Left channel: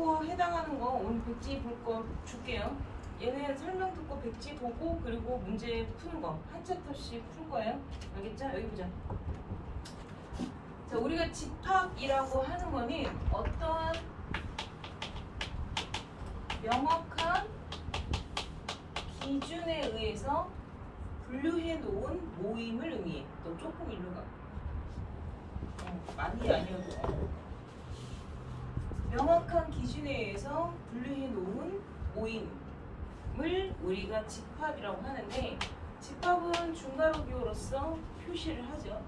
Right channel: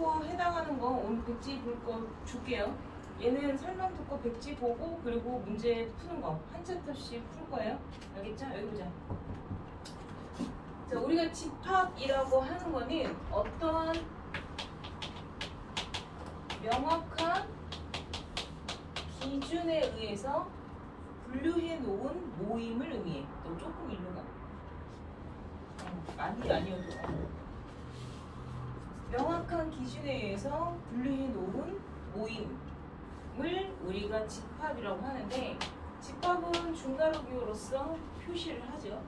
듣고 해당하는 거 오늘 백지 볼 거 줄게요. 얘는 설명 듣고 백지 보고 그리고 문제 푸는 거 한 챕터씩 풀 거예요. 알겠죠? 여기 보자. 자, 우리가 집합이라고 하는 거는 어떤 명확한 기준에 의해서 분류해 놓은 모임을 의미해. 너 조금 일로 가. 많이 아니어도. 명확한 기준에 의해서 분류해 놓은 모임을 우리가 집합이라고 하는데, 집합은 중괄호 기호로서 표시를 하죠.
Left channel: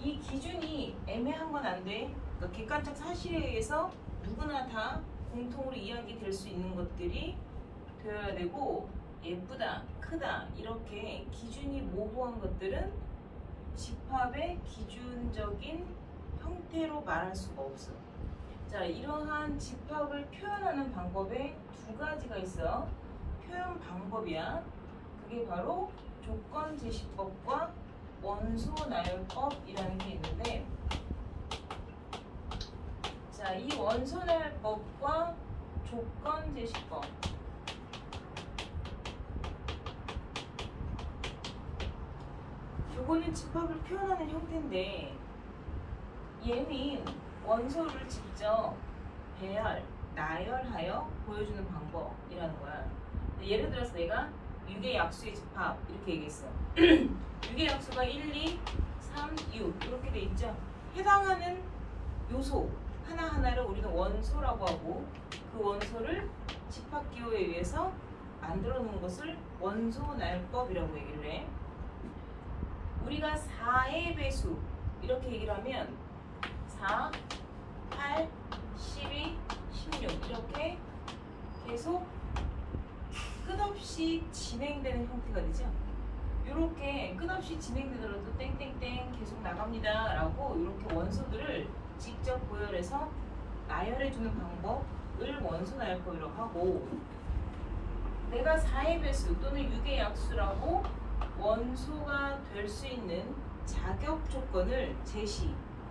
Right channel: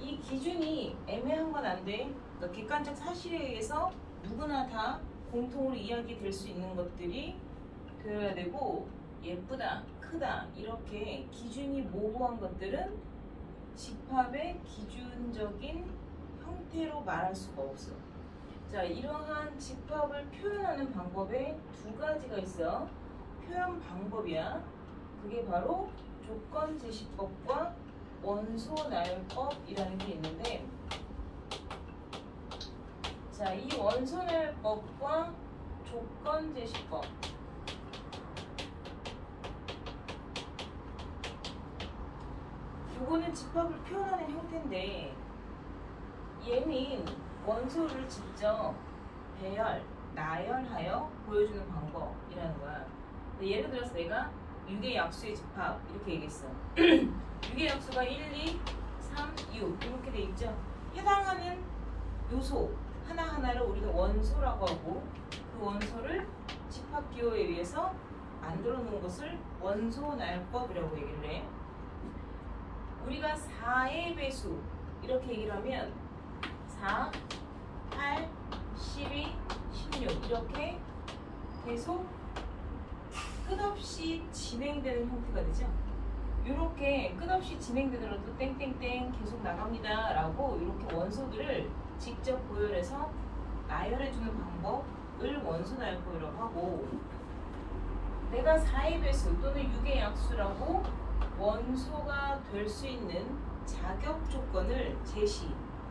이 기준이 애매한 건 안 돼. 그러니까 객관적 사실에 의해서 누구나 다 공통으로 이야기될 수 있는 것들이 되어야 되고, 예쁘다, 크다 이렇게 기준이 모호한 것들은 집합의 기준적인 형태로 말할 수가 없어. 자, 이러한 집합을 표현하는 방법에 두 가지가 있어. 표현 방법이야. 그게 바로 조건 제시법과 원소 나열법이라는 게 있는데, 자, 이 원소 나열법과 조건 제시법, 요거는 집합을 표현하는 형태인데, 얘는 원소를 직접 배열, 나열하여 보여주는 방법이라는 거야. 예를 들어서 내가 6의 약수의 집합 이렇게 얘기했어. 6의 약수가 1, 2, 3, 6 이렇게 돼 있죠. 해당하는 요소 하나하나를 우리가 원소라고 하고, 그 원소를 집합 기호에 의해서 만들어 놓은 것을 원소 나열법이라고 얘기를 해. 우리가 4의 배수 이렇게 얘기를 하면 4, 8, 12, 16 이렇게 계속 끝없이 진행되는 형태가 되죠. 이렇게 끝없이 진행되더라도 땡땡땡 계속 나갑니다 라고 이렇게 원소들을 직접 고열해서 나열해주는 방법을 원소 나열법이라고 하고, 내가 4의 배수 또는 6의 약수라고 원소가 될 수 있는 자격 조건을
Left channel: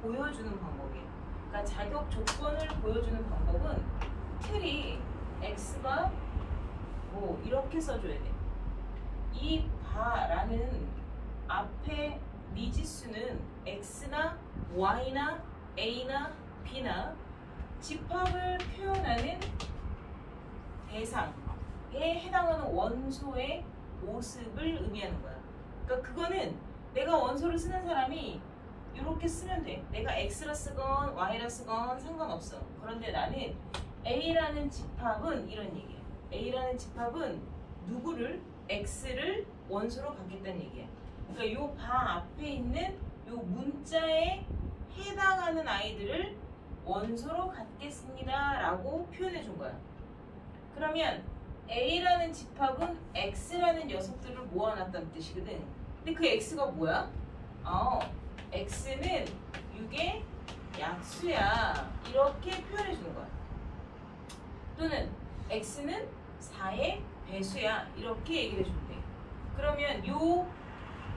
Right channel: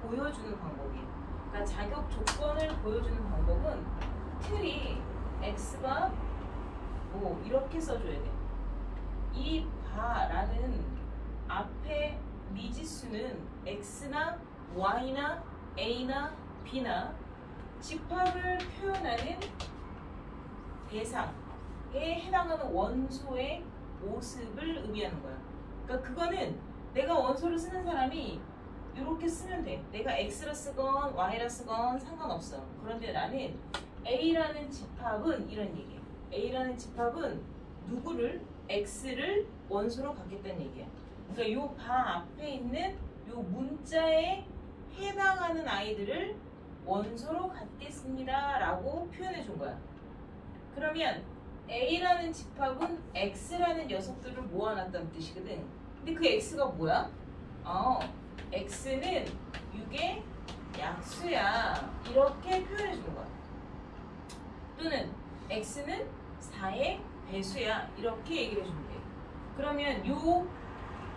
보여주는 방법이에요. 그러니까 자격 조건을 보여주는 방법은 틀이 x가 뭐 이렇게 써줘야 돼. 이 바라는 앞에 미지수는 x나 y나 a나 b나 집합을 표현하는 대상에 해당하는 원소의 모습을 의미하는 거야. 그러니까 그거는 내가 원소를 쓰는 사람이 이렇게 쓰면 돼. 내가 x라 쓰건 y라 쓰건 상관없어. 그런데 나는 a라는 집합은 이런 얘기야. a라는 집합은 누구를 x를 원소로 갖겠다는 얘기야. 그러니까 요 바 앞에 있는 요 문자에 해당하는 아이들을 원소로 갖겠습니다 라고 표현해 준 거야. 그러면 A라는 집합은 X라는 녀석들을 모아놨다는 뜻이거든. 근데 그 X가 뭐야? X는 6의 약수야 이렇게 표현해 주는 거야. 또는 X는 4의 배수야 이렇게 얘기를 해주면 돼. 그러면 요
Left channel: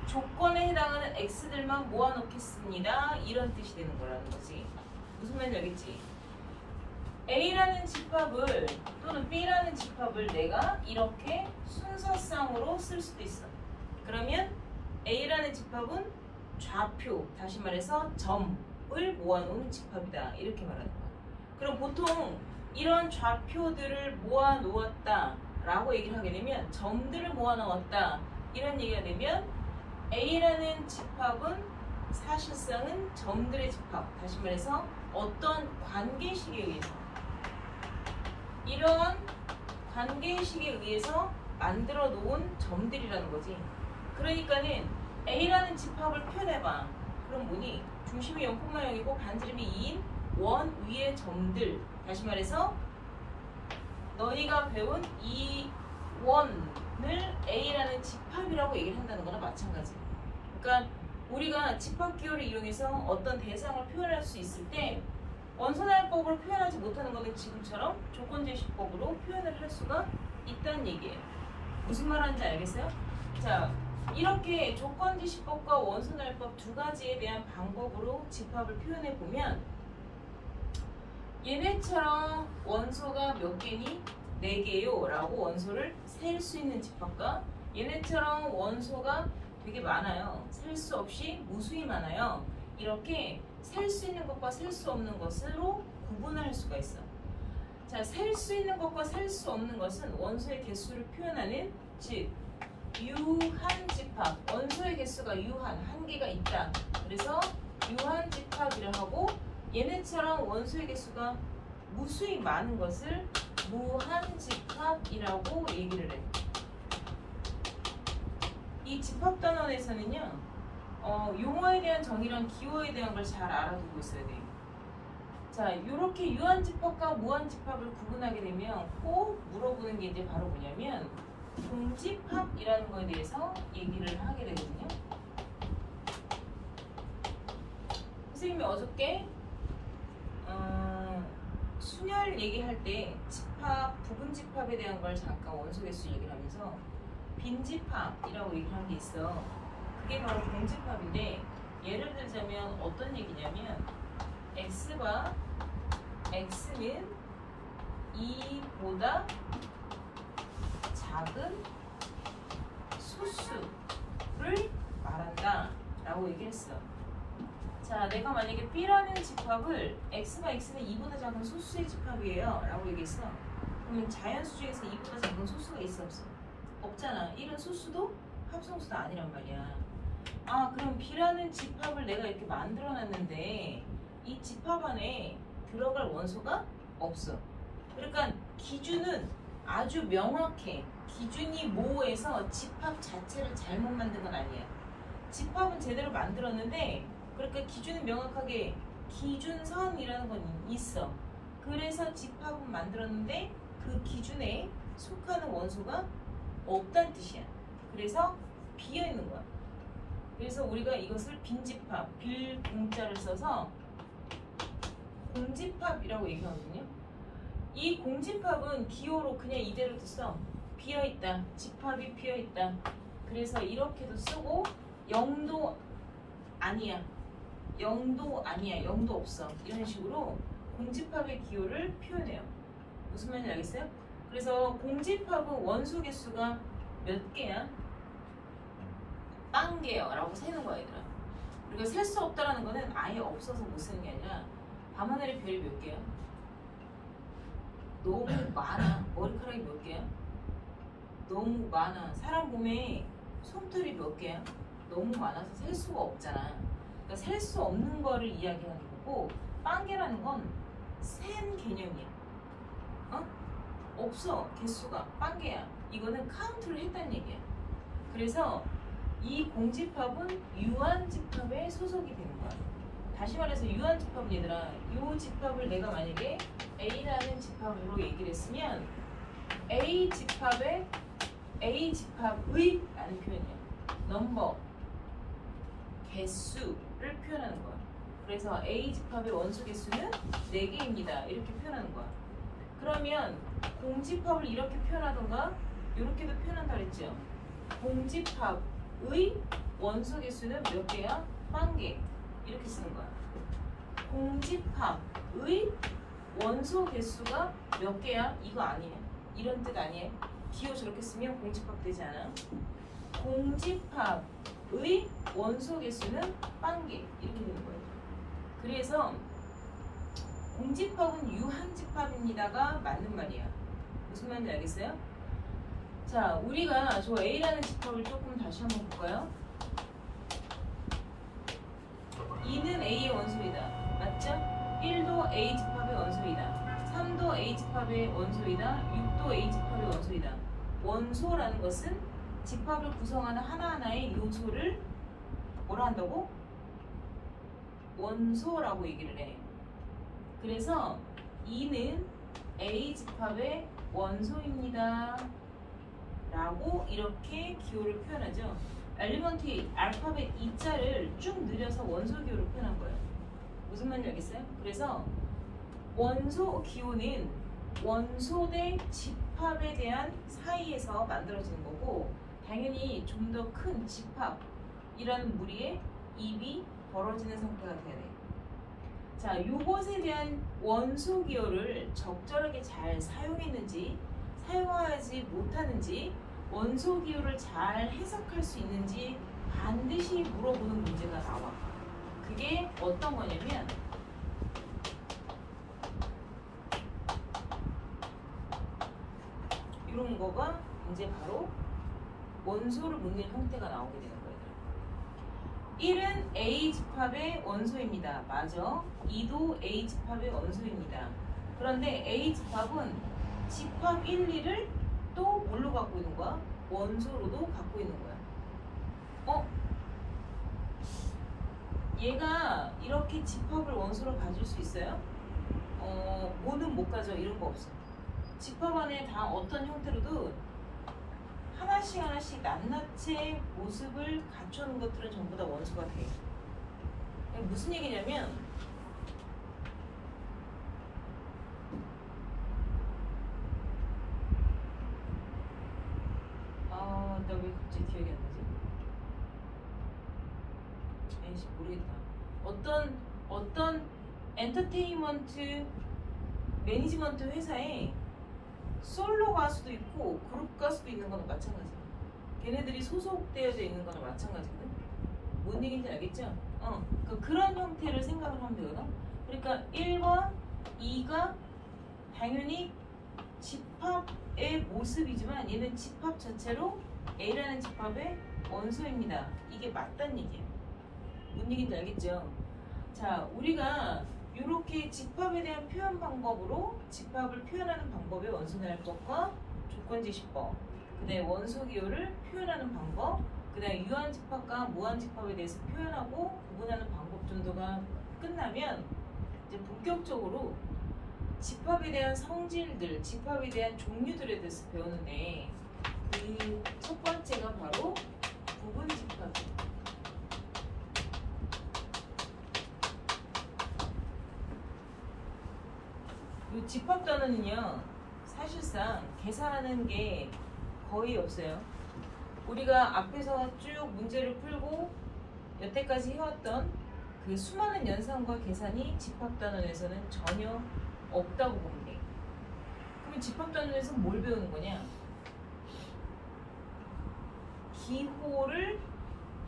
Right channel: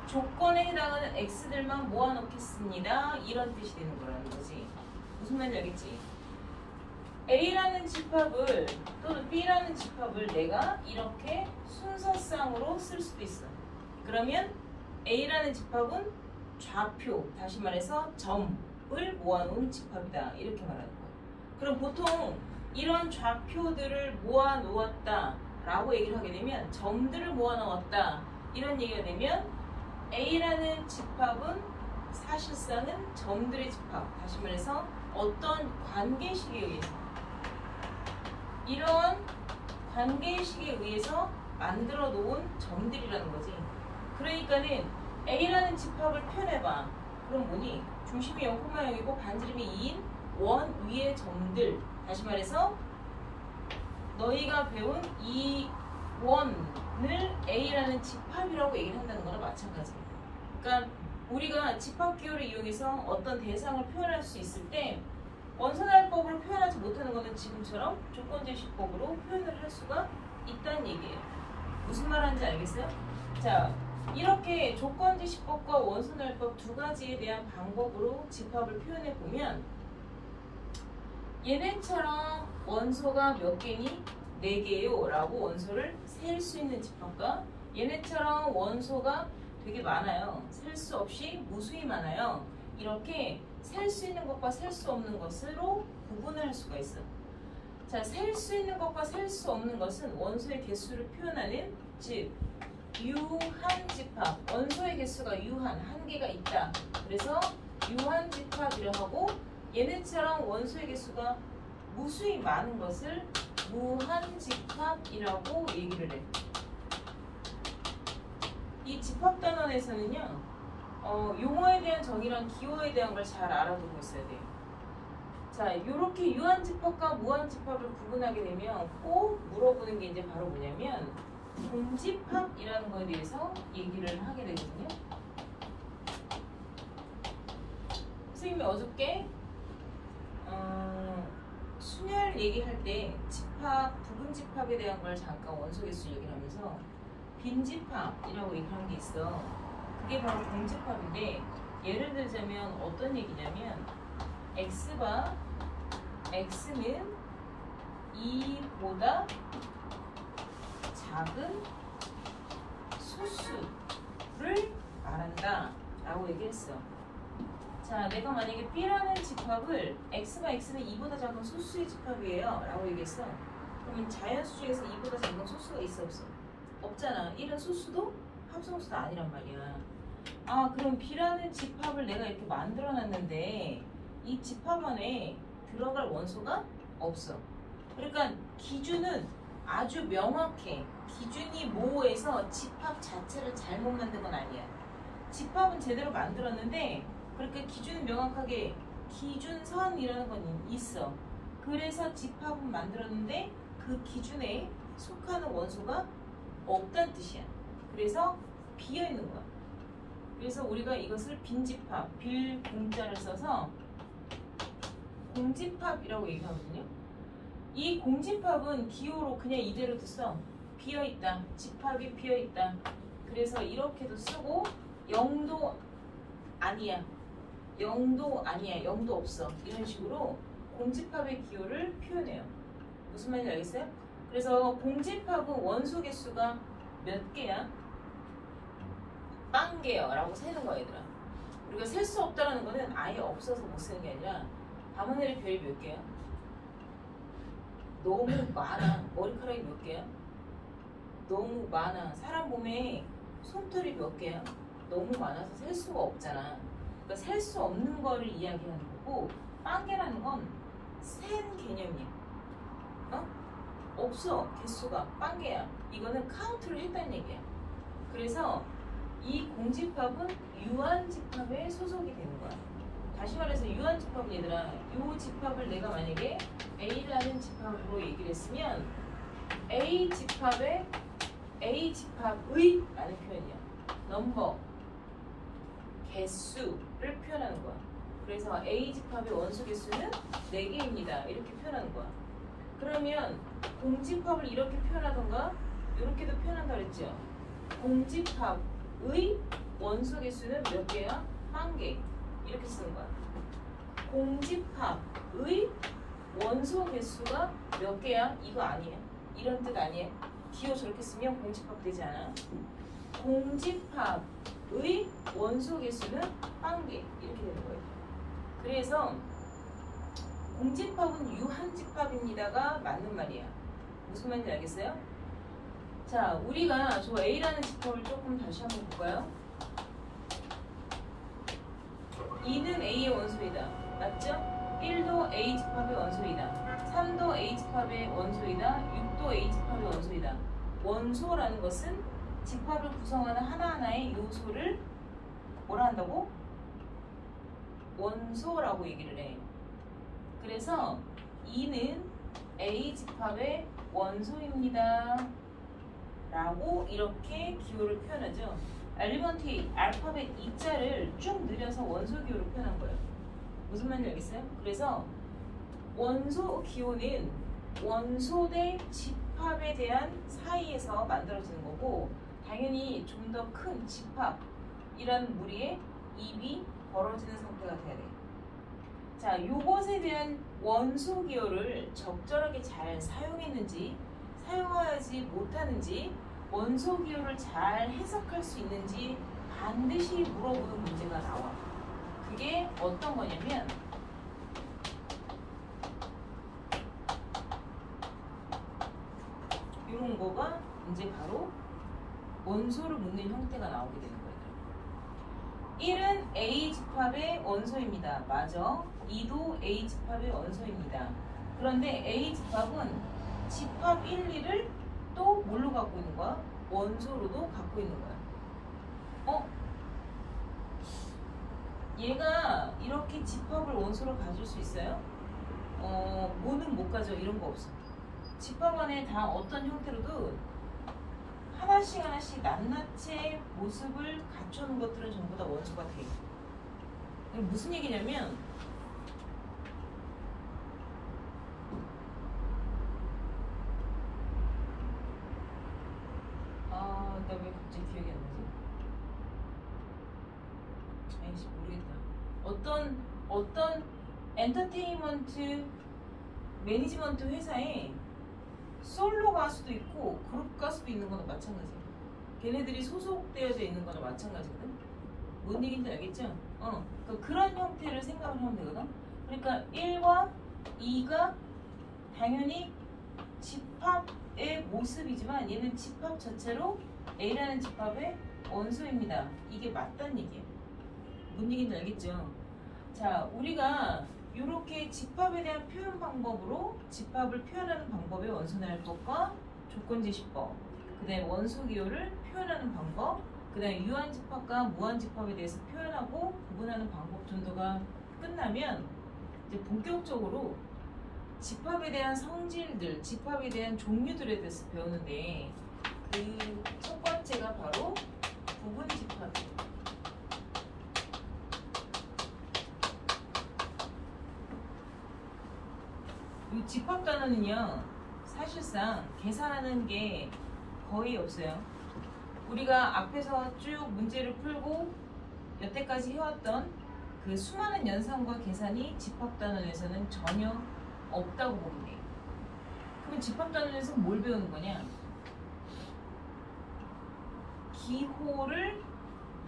조건에 해당하는 X들만 모아놓겠습니다 이런 뜻이 되는 거라는 거지. 무슨 말인지 알겠지? A라는 집합을 또는 B라는 집합을 내가 이렇게 순서상으로 쓸 수도 있어. 그러면 A라는 집합은 좌표, 다시 말해서 점을 모아놓은 집합이다 이렇게 말하는 거야. 그럼 보통 이런 좌표들을 모아놓았다 라고 얘기를 하게 되면, 점들을 모아놓았다 이런 얘기가 되면 A라는 집합은 사실상은 점들의 집합, 다시 말해서 어떤 관계식에 의해서, 이런 관계식에 의해서 만들어 놓은 점들이라는 거지. 그러니까는 A라는 집합을 표현해봐. 그럼 뭐니? 중심이 0,0이고 반지름이 2인 원 위의 점들, 다시 말해서 너희가 배운 이 원을 A라는 집합이라고 얘기를 한다는 거나 마찬가지야. 그러니까 우리가 집합 기호를 이용해서 어떤 대상을 표현할 수 있을 때 원소나열법으로 표현하지 못하는 것은 지금처럼 조건제시법으로 표현을 할 수가 있다는 얘기예요. 무슨 말하는지 알겠어요? 자, 이렇게 조건제시법과 원소나열법 두 가지에 대한 방법으로 집합을 표현해 보면, 얘네처럼 원소가 몇 개니? 4개요 라고 원소를 셀 수 있는 집합과 얘네처럼 원소가 되게 많아요. 셀 수 없이 무수히 많아요. 이렇게 셀 수 있는 것과 셀 수 없는 것으로 구분을 할 수가 있어. 자, 셀 수 있는 것과 셀 수 없는 것은 원소의 개수를 표현하는 즉 유한집합. 원소의 개수가 한 개가 있다. 그래서 유한집합이라 하고 얘네처럼 원소의 개수가 무수히 많은 것을 무한집합이라고 얘기를 해. 이 집합단원에서는요, 용어에 대한 정의랑 기호에 대한 걸 잘 알아두고 있어야 돼요. 자, 이렇게 유한집합과 무한집합을 구분하게 되면 꼭 물어보는 게 이제 바로 뭐냐면 공집합이라는 거에 대해서 얘기를 하게 되거든요. 선생님이 어저께 순열 얘기할 때 집합, 부분집합에 대한 걸 잠깐 원소개수 얘기를 하면서 빈집합이라고 얘기하는 게 있어. 그게 바로 공집합인데 예를 들자면 어떤 얘기냐면 x가 x는 2보다 작은 소수를 말한다 라고 얘기했어. 자, 내가 만약에 B라는 집합을 x가 x는 2보다 작은 소수의 집합이에요 라고 얘기했어. 그러면 자연수 중에서 2보다 작은 소수가 있어 없어? 없잖아. 1은 소수도 합성수도 아니란 말이야. 아, 그럼 B라는 집합을 내가 이렇게 만들어 놨는데 이 집합 안에 들어갈 원소가 없어. 그러니까 기준은 아주 명확해. 기준이 모호해서 집합 자체를 잘못 만든 건 아니야. 집합은 제대로 만들었는데 그러니까 기준은 명확하게 기준선이라는 건 있어. 그래서 집합은 만들었는데 그 기준에 속하는 원소가 없다는 뜻이야. 그래서 비어 있는 거야. 그래서 우리가 이것을 빈집합, 빌 공자를 써서 공집합이라고 얘기하거든요. 이 공집합은 기호로 그냥 이대로도 써. 비어있다. 집합이 비어있다. 그래서 이렇게도 쓰고 0도 아니야. 0도 아니야. 0도 없어. 이런 식으로 공집합의 기호를 표현해요. 무슨 말인지 알겠어요? 그래서 공집합은 원소 개수가 몇 개야? 빵 개요 라고 세는 거야 얘들아. 우리가 셀 수 없다라는 거는 아예 없어서 못 쓰는 게 아니라 밤하늘의 별이 몇 개야? 너무 많아. 머리카락이 몇 개야? 너무 많아. 사람 몸에 솜털이 몇 개야? 너무 많아서 셀 수가 없잖아. 그러니까 셀 수 없는 거를 이야기하는 거고 빵개라는 건 센 개념이야. 없어. 개수가 빵개야. 이거는 카운트를 했다는 얘기야. 그래서 이 공집합은 유한집합에 소속이 되는 거야. 다시 말해서 유한집합은 얘들아, 이 집합을 내가 만약에 A라는 집합으로 얘기를 했으면 A집합의 라는 표현이야. 넘버, 개수를 표현하는 거야. 그래서 A집합의 원소 개수는 4개입니다. 이렇게 표현하는 거야. 그러면 공집합을 이렇게 표현하던가 이렇게도 표현한다 그랬죠. 공집합의 원소 개수는 몇 개야? 10,000개. 이렇게 쓰는 거야. 공집합의 원소 개수가 몇 개야? 이거 아니에요. 이런 뜻 아니에요. 기호 저렇게 쓰면 공집합 되지 않아. 공집합의 원소 개수는 10,000개. 이렇게 되는 거예요. 그래서 공집합은 유한집합입니다가 맞는 말이야. 무슨 말인지 알겠어요? 자, 우리가 저 A라는 집합을 조금 다시 한번 볼까요? 2는 A의 원소이다. 맞죠? 1도 A집합의 원소이다. 3도 A집합의 원소이다. 6도 A집합의 원소이다. 원소라는 것은 집합을 구성하는 하나하나의 요소를 뭐라 한다고? 원소라고 얘기를 해. 그래서 2는 A집합의 원소입니다. 라고 이렇게 기호를 표현하죠. 엘리먼트 알파벳 E자를 쭉 늘려서 원소 기호를 표현한 거예요. 무슨 말인지 알겠어요? 그래서 원소 기호는 원소 대 집합에 대한 사이에서 만들어지는 거고 당연히 좀 더 큰 집합이라는 무리의 입이 벌어지는 상태가 돼야 돼요. 자, 요것에 대한 원소 기호를 적절하게 잘 사용했는지 사용하지 못하는지 원소 기호를 잘 해석할 수 있는지 반드시 물어보는 문제가 나와. 그게 어떤 거냐면 이런 거가 이제 바로 원소를 묻는 형태가 나오게 되는 거예요. 1은 A 집합의 원소입니다. 맞아. 2도 A 집합의 원소입니다. 그런데 A 집합은 집합 1, 2를 또 뭘로 갖고 있는 거야? 원소로도 갖고 있는 거야. 얘가 이렇게 집합을 원소로 가질 수 있어요? 뭐는 못 가져. 이런 거 없어. 집합 안에 다 어떤 형태로도 하나씩 하나씩 낱낱이 모습을 갖추는 것들은 전부 다 원소가 돼. 이게 무슨 얘기냐면 나 왜 갑자기 기억이 안 나지? 아이씨 모르겠다. 어떤 엔터테인먼트 매니지먼트 회사에 솔로 가수도 있고 그룹 가수도 있는 거나 마찬가지야. 걔네들이 소속되어져 있는 거나 마찬가지거든. 뭔 얘기인지 알겠죠? 그러니까 그런 형태를 생각을 하면 되거든. 그러니까 1과 2가 당연히 집합의 모습이지만 얘는 집합 자체로 A라는 집합의 원소입니다. 이게 맞단 얘기예요. 뭔 얘기인지 알겠죠? 자, 우리가 이렇게 집합에 대한 표현 방법으로 집합을 표현하는 방법의 원소날법과 조건지시법, 그 다음에 원소 기호를 표현하는 방법, 그 다음에 유한집합과 무한집합에 대해서 표현하고 구분하는 방법 정도가 끝나면 이제 본격적으로 집합에 대한 성질들, 집합에 대한 종류들에 대해서 배우는데 그 첫 번째가 바로 부분집합이에요. 이 집합 단어는요 사실상 계산하는 게 거의 없어요. 우리가 앞에서 쭉 문제를 풀고 여태까지 해왔던 그 수많은 연산과 계산이 집합 단원에서는 전혀 없다고 보면 돼. 그러면 집합 단원에서 뭘 배우는 거냐? 기호를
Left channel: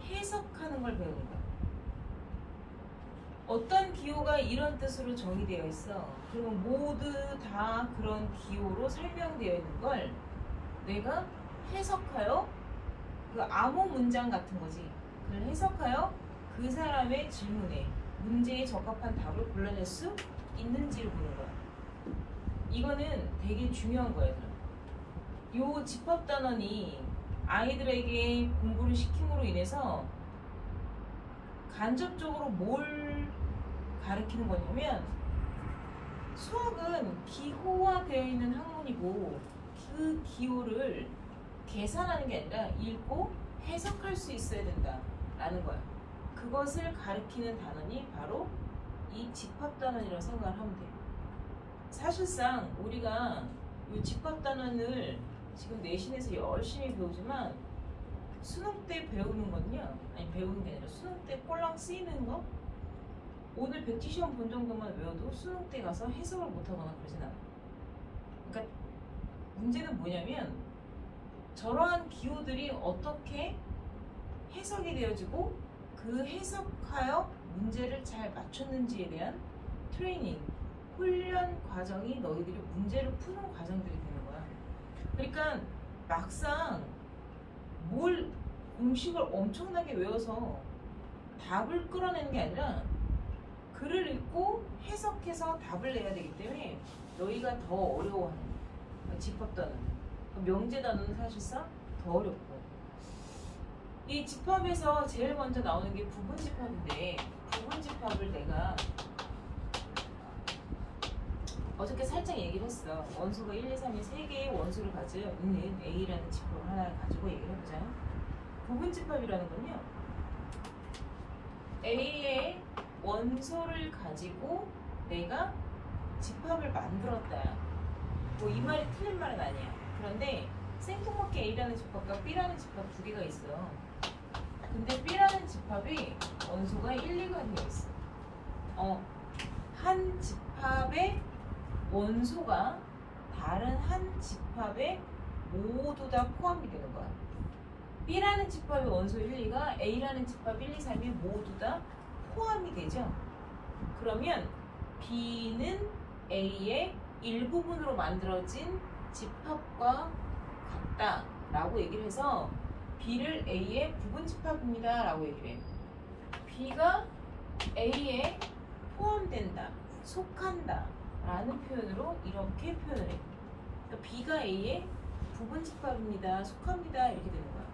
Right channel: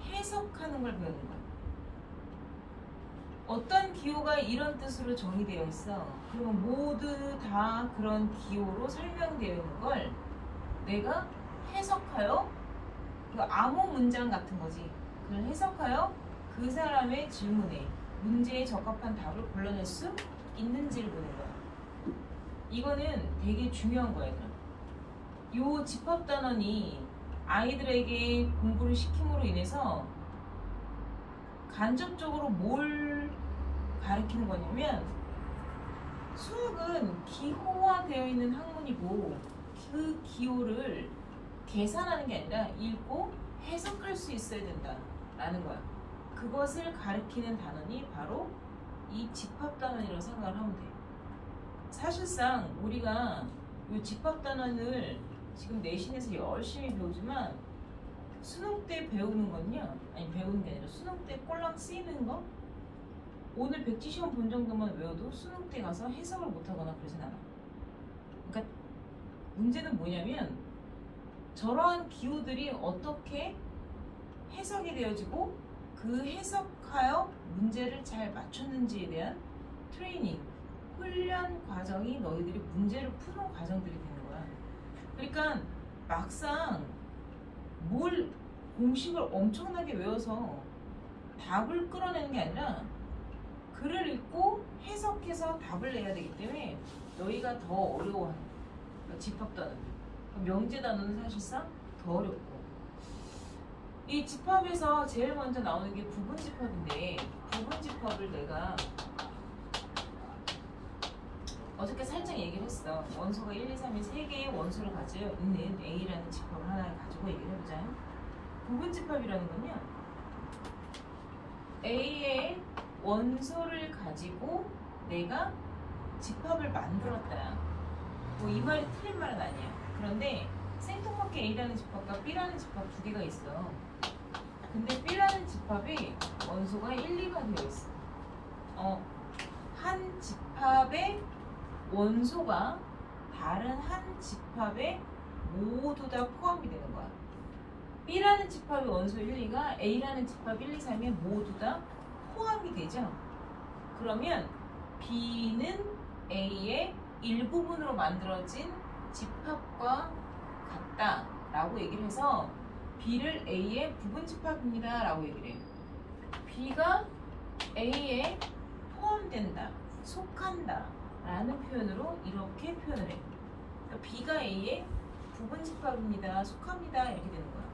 해석하는 걸 배우는 거야. 어떤 기호가 이런 뜻으로 정의되어 있어. 그러면 모두 다 그런 기호로 설명되어 있는 걸 내가 해석하여 그 암호 문장 같은 거지. 그걸 해석하여 그 사람의 질문에 문제에 적합한 답을 골라낼 수 있는지를 보는 거야. 이거는 되게 중요한 거예요. 요 집합 단원이 아이들에게 공부를 시킴으로 인해서 간접적으로 뭘 가르치는 거냐면 수학은 기호화되어 있는 학문이고 그 기호를 계산하는 게 아니라 읽고 해석할 수 있어야 된다라는 거야. 그것을 가리키는 단원이 바로 이 집합 단원이라고 생각을 하면 돼. 사실상 우리가 이 집합 단원을 지금 내신에서 열심히 배우지만 수능 때 배우는 건요, 아니 배우는 게 아니라 수능 때 꼴랑 쓰이는 거, 오늘 백지 시험 본 정도만 외워도 수능 때 가서 해석을 못하거나 그러진 않아. 그러니까 문제는 뭐냐면 저러한 기호들이 어떻게 해석이 되어지고 그 해석하여 문제를 잘 맞췄는지에 대한 트레이닝, 훈련 과정이 너희들이 문제를 푸는 과정들이 되는 거야. 그러니까 막상 뭘 공식을 엄청나게 외워서 답을 끌어내는 게 아니라 글을 읽고 해석해서 답을 내야 되기 때문에 너희가 더 어려워하는 거야. 그러니까 집합 단어는. 명제 단어는 사실상 더 어렵고. 이 집합에서 제일 먼저 나오는 게 부분집합인데 부분집합을 내가 어저께 살짝 얘기를 했어. 원소가 1, 2, 3이 3개의 원소를 가지고 있는 A라는 집합을 하나를 가지고 얘기를 해보자. 부분집합이라는 건요, A의 원소를 가지고 내가 집합을 만들었다. 뭐 이 말이 틀린 말은 아니야. 그런데 생뚱맞게 A라는 집합과 B라는 집합 두 개가 있어. 근데 B라는 집합이 원소가 1, 2가 되어 있어. 집합의 원소가 다른 한 집합에 모두 다 포함이 되는 거야. B라는 집합의 원소 1, 2가 A라는 집합 1, 2, 3에 모두 다 포함이 되죠. 그러면 B는 A의 일부분으로 만들어진 집합과 같다 라고 얘기를 해서 B를 A의 부분 집합입니다 라고 얘기를 해요. B가 A에 포함된다, 속한다 라는 표현으로 이렇게 표현을 해요. 그러니까 B가 A의 부분 집합입니다, 속합니다 이렇게 되는 거야.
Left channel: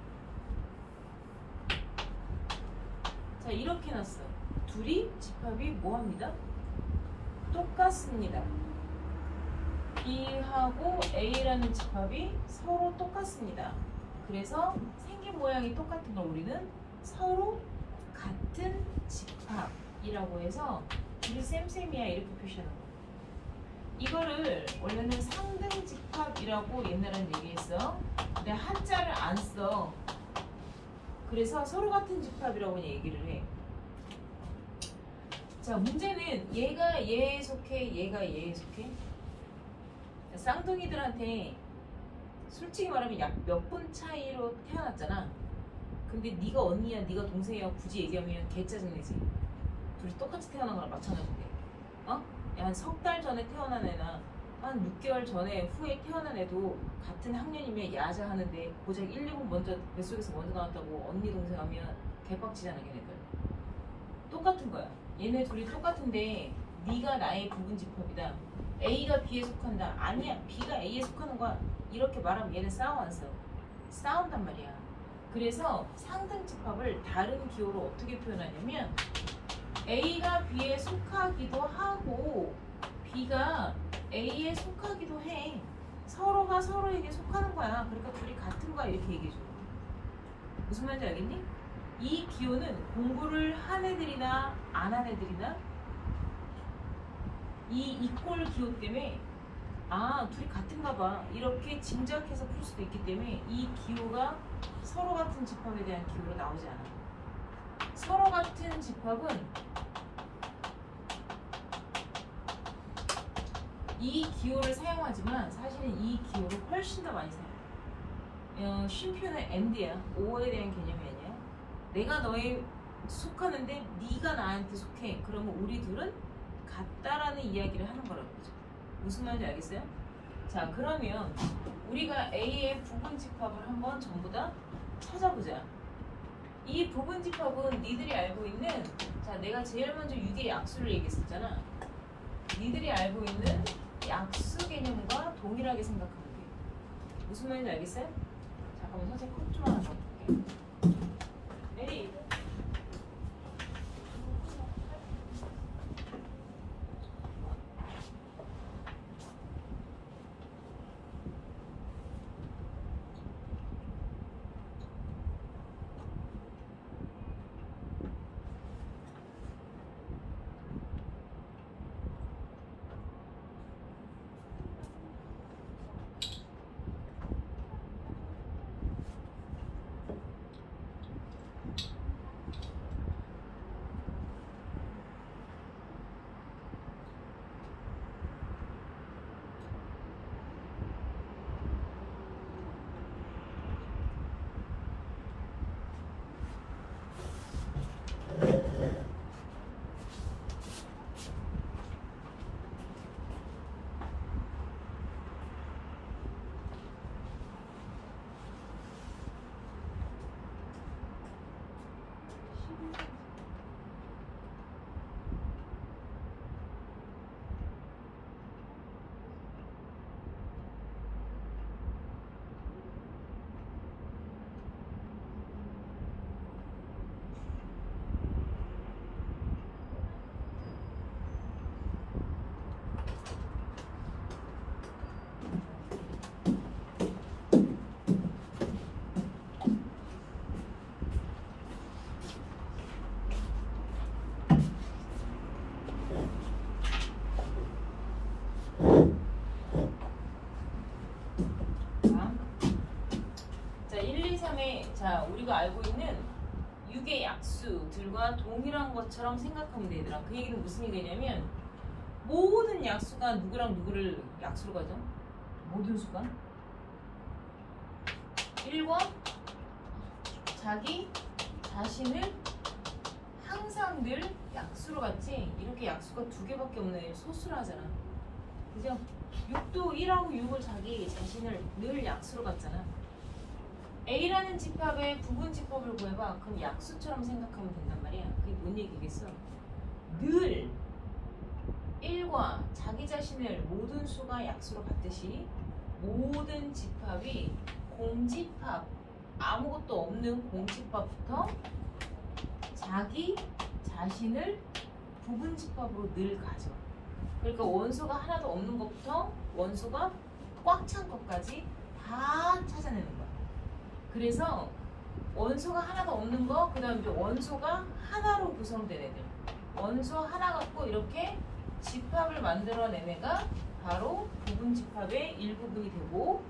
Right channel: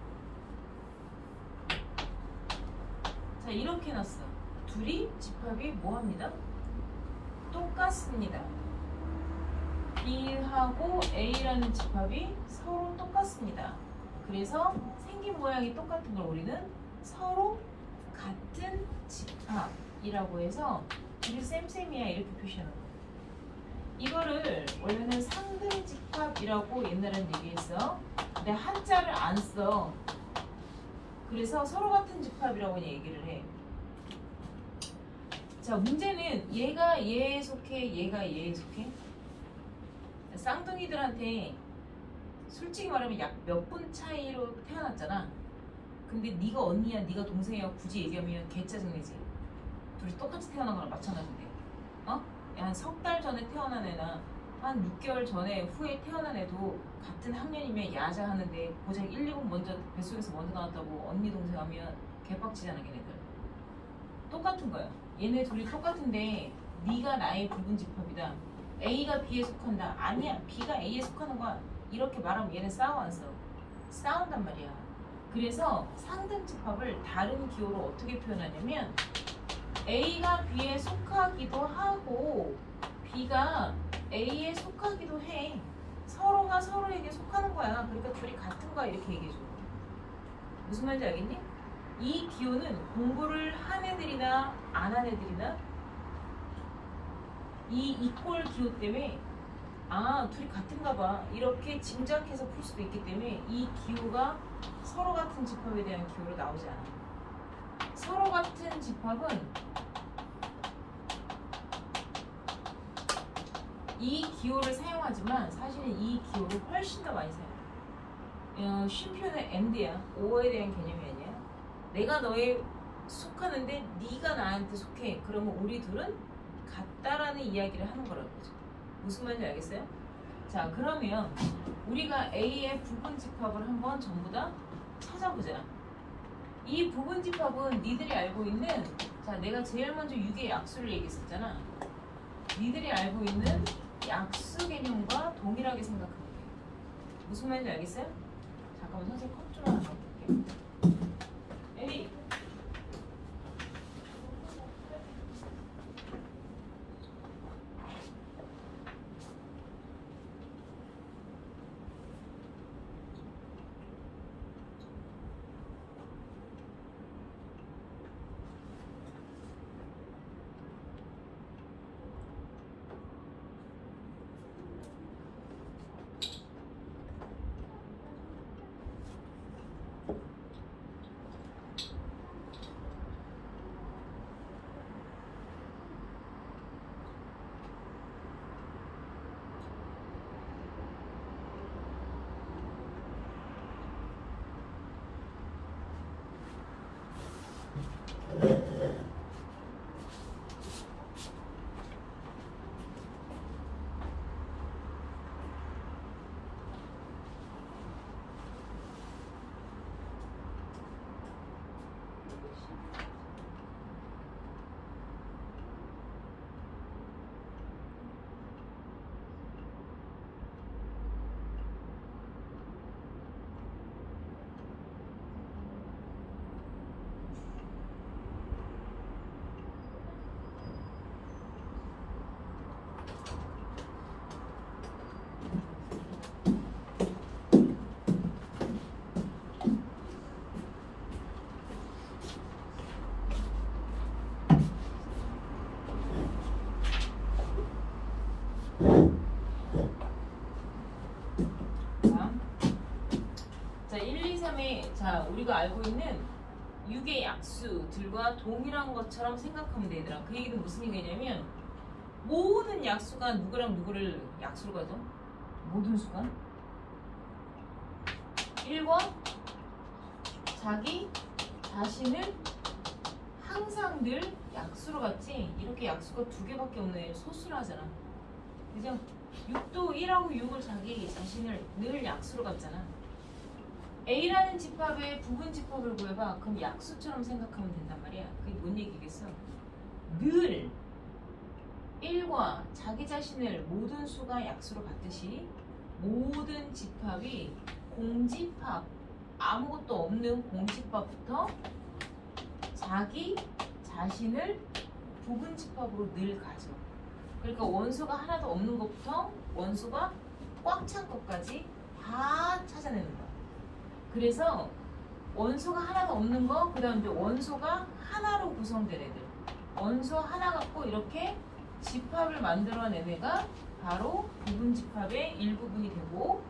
자, 이렇게 해놨어. 둘이 집합이 뭐합니다? 똑같습니다. B하고 A라는 집합이 서로 똑같습니다. 그래서 생긴 모양이 똑같은 걸 우리는 서로 같은 집합이라고 해서 둘이 쌤쌤이야 이렇게 표시하는 거예요. 이거를 원래는 상등 집합이라고 옛날에는 얘기했어. 근데 한자를 안 써. 그래서 서로 같은 집합이라고 얘기를 해. 자, 문제는 얘가 얘에 속해, 얘가 얘에 속해. 쌍둥이들한테 솔직히 말하면 약 몇 분 차이로 태어났잖아. 근데 네가 언니야, 네가 동생이야 굳이 얘기하면 개 짜증내지. 둘이 똑같이 태어난 거랑 마찬가지인데. 어? 한 석 달 전에 태어난 애나 한 6개월 전에 후에 태어난 애도 같은 학년이면 야자 하는데 고작 1, 2분 먼저 뱃속에서 먼저 나왔다고 언니 동생 하면 개빡치잖아 걔네들. 똑같은 거야. 얘네 둘이 똑같은데 네가 나의 부분 집합이다. A가 B에 속한다. 아니야, B가 A에 속하는 거야. 이렇게 말하면 얘는 싸워 안 싸워? 싸운단 말이야. 그래서 상등 집합을 다른 기호로 어떻게 표현하냐면 A가 B에 속하기도 하고 B가 A에 속하기도 해. 서로가 서로에게 속하는 거야. 그러니까 둘이 같은 거야 이렇게 얘기해 주는 거야. 무슨 말인지 알겠니? 이 기호는 공부를 한 애들이나 안 한 애들이나 이 이꼴 기호 때문에 아 둘이 같은가 봐 이렇게 짐작해서 풀 수도 있기 때문에 이 기호가 서로 같은 집합에 대한 기호로 나오지 않아. 서로 같은 집합은 이 기호를 사용하지만 사실은 이 기호를 훨씬 더 많이 사용해. 쉼표는 and야. o에 대한 개념이 아니야. 내가 너에 속하는데 네가 나한테 속해. 그러면 우리 둘은 같다라는 이야기를 하는 거라는 거죠. 무슨 말인지 알겠어요? 자, 그러면 우리가 A의 부분 집합을 한번 전부 다 찾아보자. 이 부분 집합은 니들이 알고 있는, 자, 내가 제일 먼저 6의 약수를 얘기했었잖아. 니들이 알고 있는 약수 개념과 동일하게 생각하면 돼. 무슨 말인지 알겠어요? 잠깐만 선생님 컵 좀 하나 넣어볼게요. 에리. 자, 우리가 알고 있는 6의 약수들과 동일한 것처럼 생각하면 되더라. 그 얘기는 무슨 얘기냐면 모든 약수가 누구랑 누구를 약수로 가죠? 모든 수가 1과 자기 자신을 항상 늘 약수로 갔지. 이렇게 약수가 두 개밖에 없는 애를 소수로 하잖아. 그죠? 6도 1하고 6을 자기 자신을 늘 약수로 갔잖아. A라는 집합의 부분 집합을 구해봐. 그럼 약수처럼 생각하면 된단 말이야. 그게 뭔 얘기겠어? 늘 1과 자기 자신을 모든 수가 약수로 갔듯이 모든 집합이 공집합, 아무것도 없는 공집합부터 자기 자신을 부분 집합으로 늘 가져. 그러니까 원소가 하나도 없는 것부터 원소가 꽉 찬 것까지 다 찾아내는 거야. 그래서 원소가 하나도 없는 거, 그 다음 이제 원소가 하나로 구성된 애들. 원소 하나 갖고 이렇게 집합을 만들어낸 애가 바로 부분 집합의 일부분이 되고,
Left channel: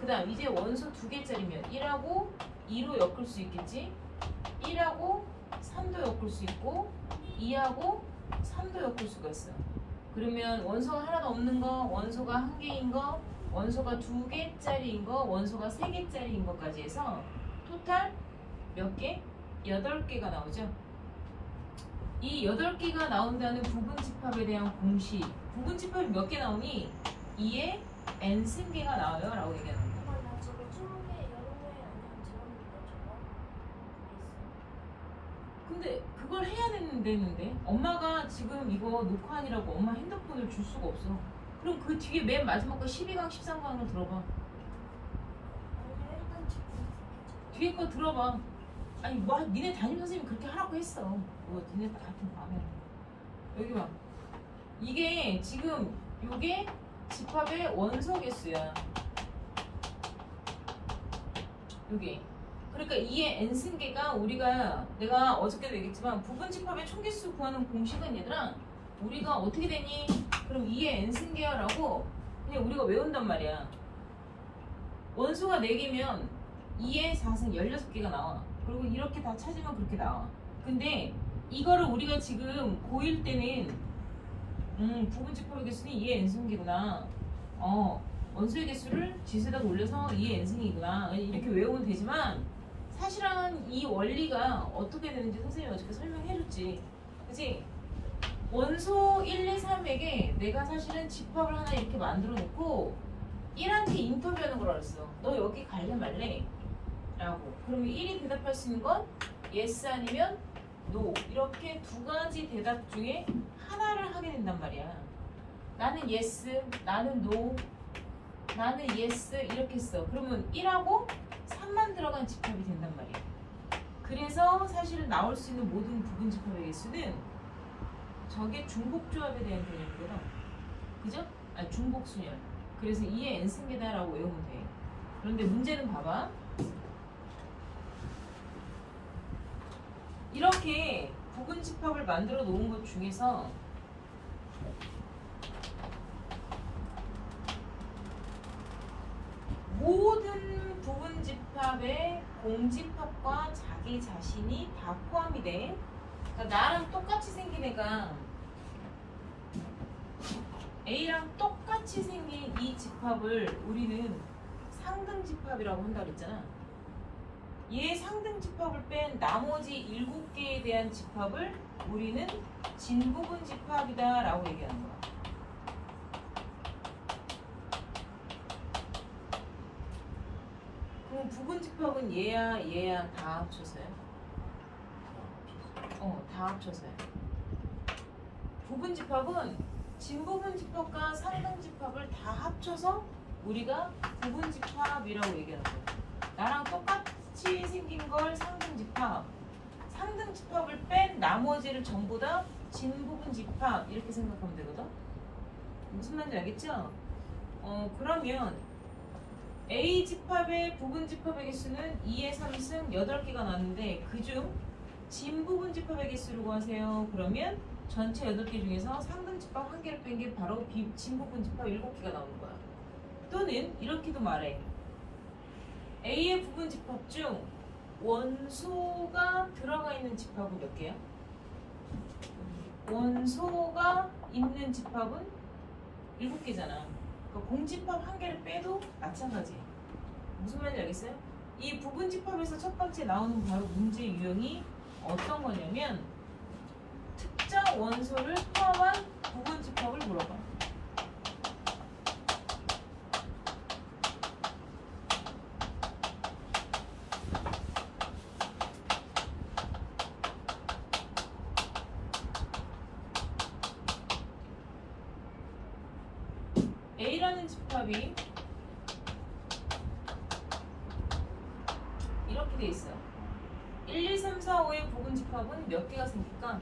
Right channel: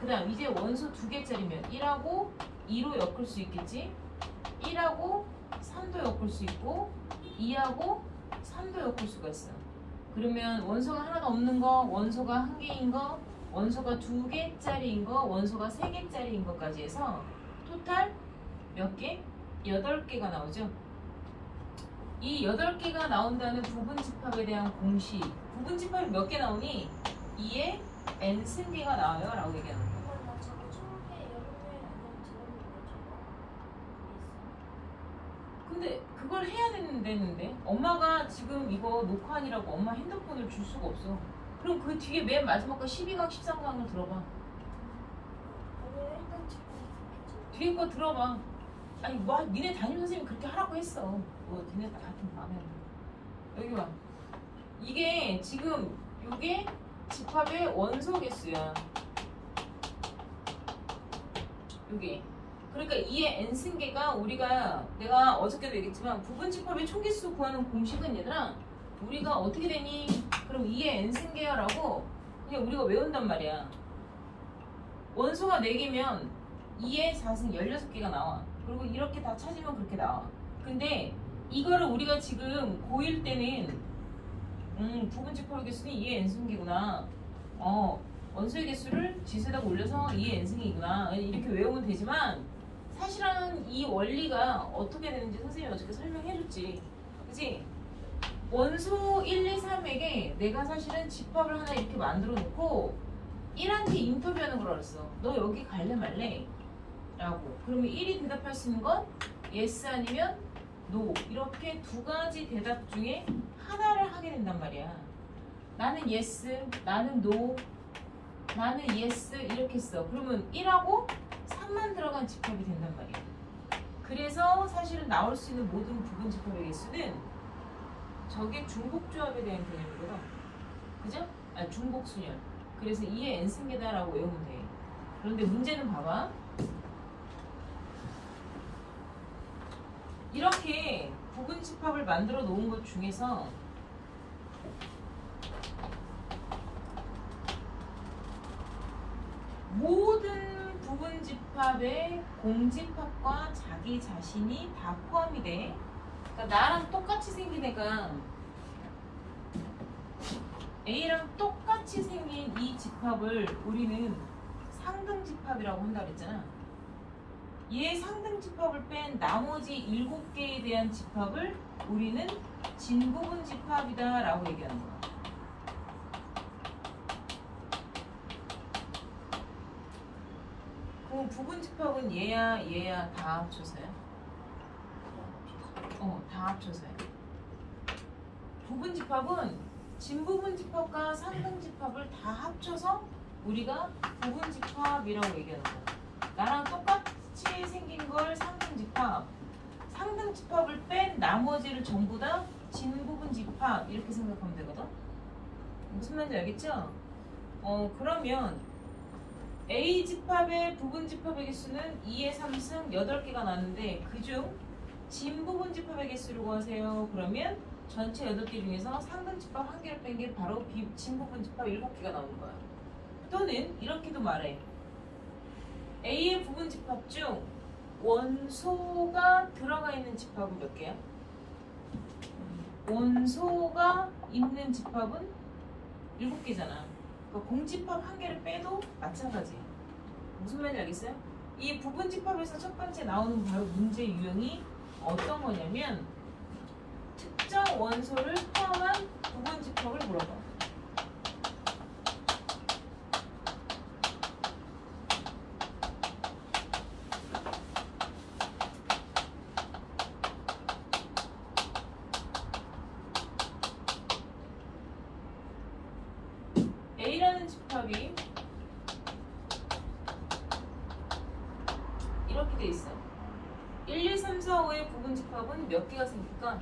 그 다음 이제 원소 두 개짜리면 1하고 2로 엮을 수 있겠지. 1하고 3도 엮을 수 있고 2하고 3도 엮을 수가 있어. 그러면 원소가 하나도 없는 거, 원소가 한 개인 거, 원소가 두 개짜리인 거, 원소가 세 개짜리인 것까지 해서 토탈 몇 개? 8개가 나오죠. 이 8개가 나온다는 부분 집합에 대한 공식. 부분 집합이 몇 개 나오니? 2의 n 승계가 나와요 라고 얘기하는 거예요. 나 저거 20개, 10개 아니면 들었는데 저거 근데 그걸 해야 되는데 엄마가 지금 이거 녹화하느라고 엄마 핸드폰을 줄 수가 없어. 그럼 그 뒤에 맨 마지막 거 12강, 13강을 들어봐. 아니 일단 지금 뒤에 거 들어봐. 아니 뭐 니네 담임선생님이 그렇게 하라고 했어. 뭐 니네 하여튼 마음에 여기 와. 이게 지금 요게 집합의 원소 개수야. 요게. 그러니까 2의 n승계가 우리가 내가 어저께도 얘기했지만 부분 집합의 총개수 구하는 공식은 얘들아 우리가 어떻게 되니? 그럼 2의 n승계야 라고 그냥 우리가 외운단 말이야. 원소가 4개면 2의 4승 16개가 나와. 그리고 이렇게 다 찾으면 그렇게 나와. 근데 이거를 우리가 지금 고1 때는 부분 집합의 개수는 2의 n승계구나. 원소의 개수를 지수에다가 올려서 2의 n승이구나. 이렇게 외우면 되지만 사실은 이 원리가 어떻게 되는지 선생님이 어저께 설명해줬지. 그치? 원소 1, 2, 3에게 내가 사실은 집합을 하나 이렇게 만들어 놓고 1한테 인터뷰하는 거라 그랬어. 너 여기 갈래 말래? 라고. 그러면 1이 대답할 수 있는 건 yes 아니면 no. 이렇게 두 가지 대답 중에 하나를 하게 된단 말이야. 나는 yes, 나는 no, 나는 yes 이렇게 써. 그러면 1하고 3만 들어간 집합이 된단 말이야. 그래서 사실은 나올 수 있는 모든 부분 집합의 개수는 저게 중복조합에 대한 개념이거든. 그죠? 중복순열. 그래서 2의 n승계다라고 외우면 돼. 그런데 문제는 봐봐. 이렇게 부분 집합을 만들어 놓은 것 중에서 모든 부분 집합의 공집합과 자기 자신이 다 포함이 돼. 그러니까 나랑 똑같이 생긴 애가 A랑 똑같이 생긴 이 집합을 우리는 상등 집합이라고 한다 그랬잖아. 얘 상등 집합을 뺀 나머지 7개에 대한 집합을 우리는 진부분 집합이다 라고 얘기하는 거야. 그럼 부분 집합은 얘야 얘야 다 합쳐서요? 다 합쳐서요. 부분 집합은 진부분 집합과 상등 집합을 다 합쳐서 우리가 부분 집합이라고 얘기하는 거야. 나랑 똑같이 생긴 걸 상등 집합, 상등 집합을 뺀 나머지를 전부 다 진부분 집합 이렇게 생각하면 되거든. 무슨 말인지 알겠죠? 그러면 A 집합의 부분 집합의 개수는 2의 3승 8개가 나왔는데 그중 진부분 집합의 개수를 구하세요. 그러면 전체 8개 중에서 상등 집합 1개를 뺀 게 바로 진부분 집합 7개가 나오는 거야. 또는 이렇게도 말해. A의 부분 집합 중 원소가 들어가 있는 집합은 몇 개야? 원소가 있는 집합은 7개잖아. 그러니까 공집합 한 개를 빼도 마찬가지. 무슨 말인지 알겠어요? 이 부분 집합에서 첫 번째 나오는 바로 문제 유형이 어떤 거냐면 특정 원소를 포함한 부분 집합을 물어봐. A라는 집합이 이렇게 돼 있어. 1, 2, 3, 4, 5의 부분 집합은 몇 개가 생길까?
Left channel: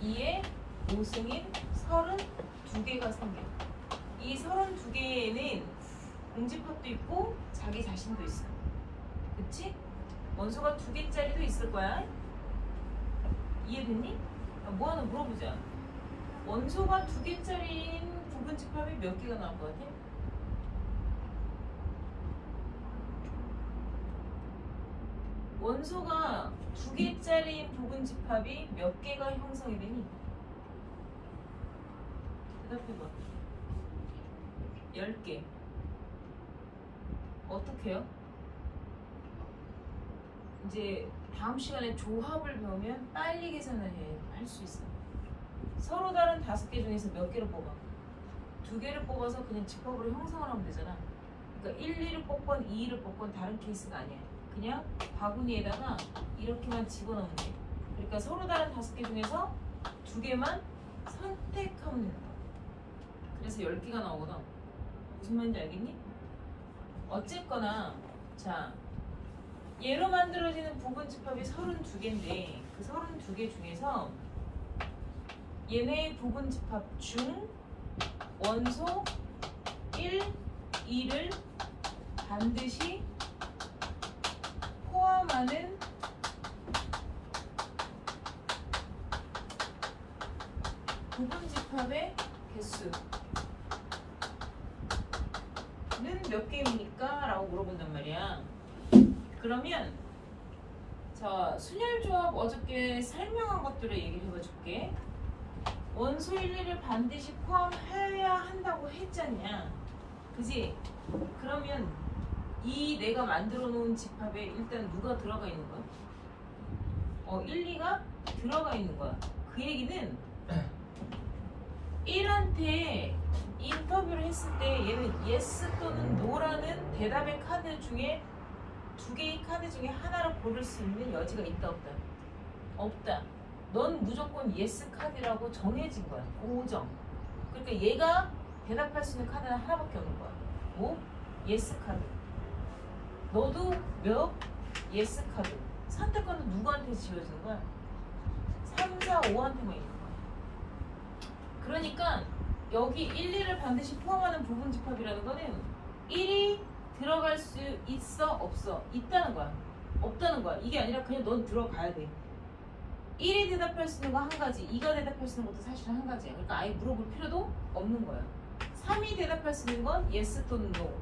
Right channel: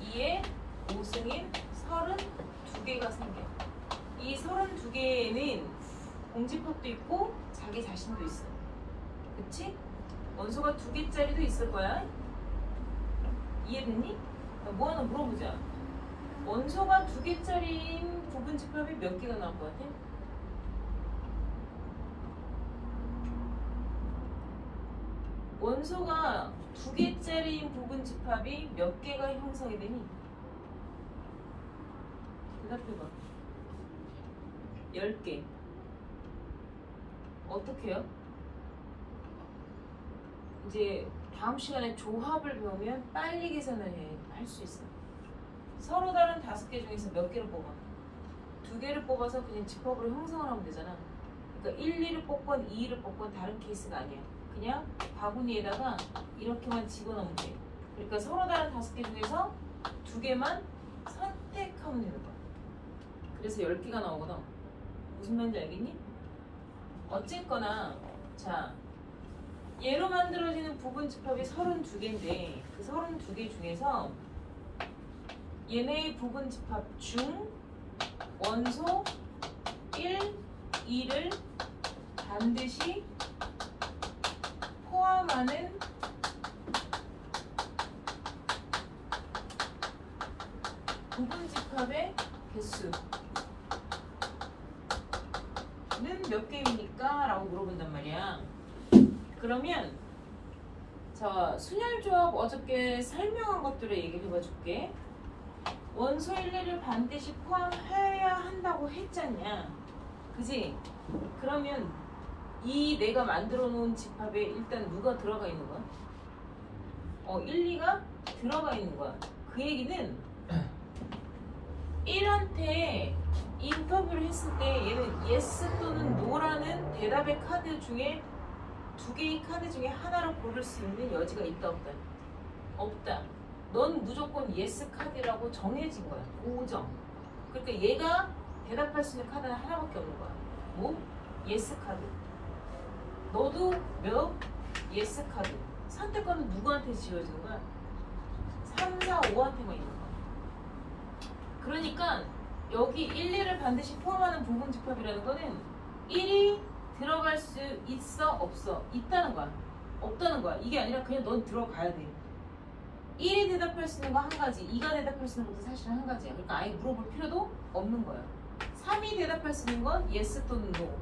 2의 5승인 32개가 생겨. 이 32개에는 공집합도 있고 자기 자신도 있어. 그치? 원소가 2개짜리도 있을 거야. 이해됐니? 뭐 하나 물어보자. 원소가 2개짜리인 부분 집합이 몇 개가 나올 것 같아? 원소가 2개짜리인 부분 집합이 몇 개가 형성이 되니? 대답해봐. 10개. 어떻게 해요? 이제 다음 시간에 조합을 배우면 빨리 계산을 할 수 있어. 서로 다른 5개 중에서 몇 개를 뽑아? 2개를 뽑아서 그냥 집합으로 형성을 하면 되잖아. 그러니까 1, 2를 뽑건 2, 2를 뽑건 다른 케이스가 아니야. 그냥 바구니에다가 이렇게만 집어넣으면 돼. 그러니까 서로 다른 5개 중에서 2개만 선택하면 되는 거야. 그래서 10개가 나오거든. 무슨 말인지 알겠니? 어쨌거나 자 얘로 만들어지는 부분 집합이 32개인데 그 32개 중에서 얘네의 부분 집합 중 원소 1, 2를 반드시 포함하는 부분 집합의 개수는 몇 개입니까? 라고 물어본단 말이야. 그러면 자 순열조합 어저께 설명한 것들을 얘기를 해봐줄게. 원소 1, 2를 반드시 포함해야 한다고 했잖냐. 그지? 그러면 이 내가 만들어 놓은 집합에 일단 누가 들어가 있는 거야? 1, 2가 들어가 있는 거야. 그 얘기는 1한테 인터뷰를 했을 때 얘는 yes 또는 no라는 대답의 카드 중에 2개의 카드 중에 하나를 고를 수 있는 여지가 있다 없다? 없다. 넌 무조건 yes 카드라고 정해진 거야. 고정. 그러니까 얘가 대답할 수 있는 카드는 하나밖에 없는 거야. 뭐? yes 카드. 너도 몇? yes 카드. 선택권은 누구한테 지어지는 거야? 3, 4, 5한테만 있는 거야. 그러니까 여기 1, 2를 반드시 포함하는 부분 집합이라는 거는 1이 들어갈 수 있어? 없어? 있다는 거야. 없다는 거야. 이게 아니라 그냥 넌 들어가야 돼. 1이 대답할 수 있는 거 한 가지, 2가 대답할 수 있는 것도 사실 한 가지야. 그러니까 아예 물어볼 필요도 없는 거야. 3이 대답할 수 있는 건 yes 또는 no,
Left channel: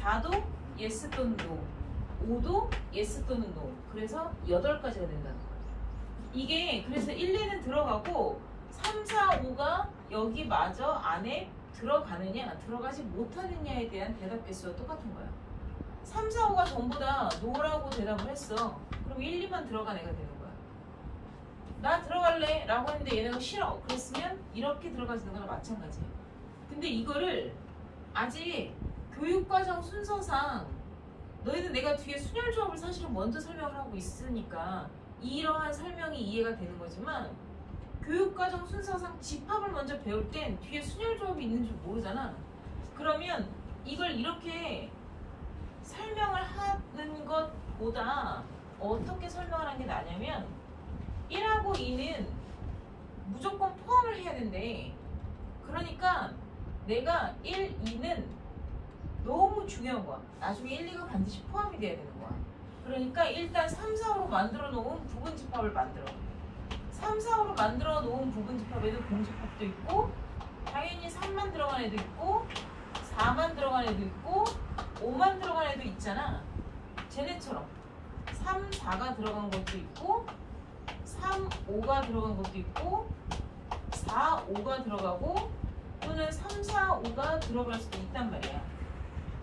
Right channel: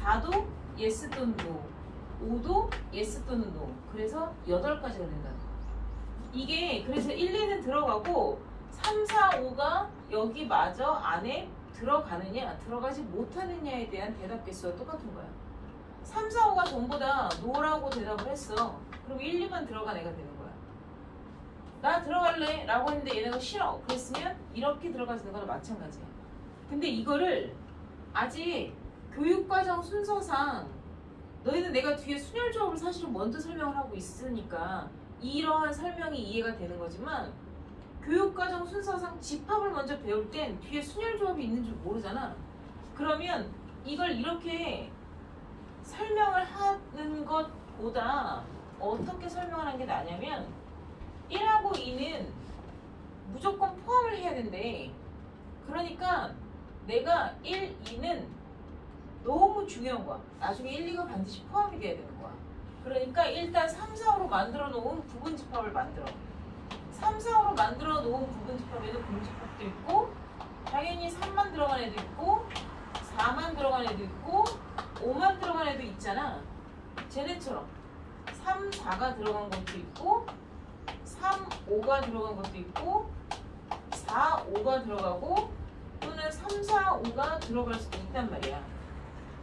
4도 yes 또는 no, 5도 yes 또는 no. 그래서 8가지가 된다는 거야. 이게 그래서 1, 2는 들어가고 3, 4, 5가 여기 마저 안에 들어가느냐 들어가지 못하느냐에 대한 대답 개수가 똑같은 거야. 3, 4, 5가 전부 다 no라고 대답을 했어. 그럼 1, 2만 들어간 애가 되는 거야. 나 들어갈래 라고 했는데 얘네가 싫어 그랬으면 이렇게 들어가는 거랑 마찬가지야. 근데 이거를 아직 교육과정 순서상 너희는 내가 뒤에 순열조합을 사실은 먼저 설명을 하고 있으니까 이러한 설명이 이해가 되는 거지만 교육과정 순서상 집합을 먼저 배울 땐 뒤에 순열조합이 있는 줄 모르잖아. 그러면 이걸 이렇게 설명을 하는 것보다 어떻게 설명을 하는 게 나냐면 1하고 2는 무조건 포함을 해야 된대. 그러니까 내가 1, 2는 너무 중요한 거야. 나중에 1, 2가 반드시 포함이 돼야 되는 거야. 그러니까 일단 3, 4로 만들어 놓은 부분 집합을 만들어. 3, 4로 만들어 놓은 부분 집합에도 공집합도 있고 당연히 3만 들어간 애도 있고 4만 들어간 애도 있고 5만 들어간 애도 있잖아. 쟤네처럼 3, 4가 들어간 것도 있고 3, 5가 들어간 것도 있고 4, 5가 들어가고 또는 3, 4, 5가 들어갈 수도 있단 말이야.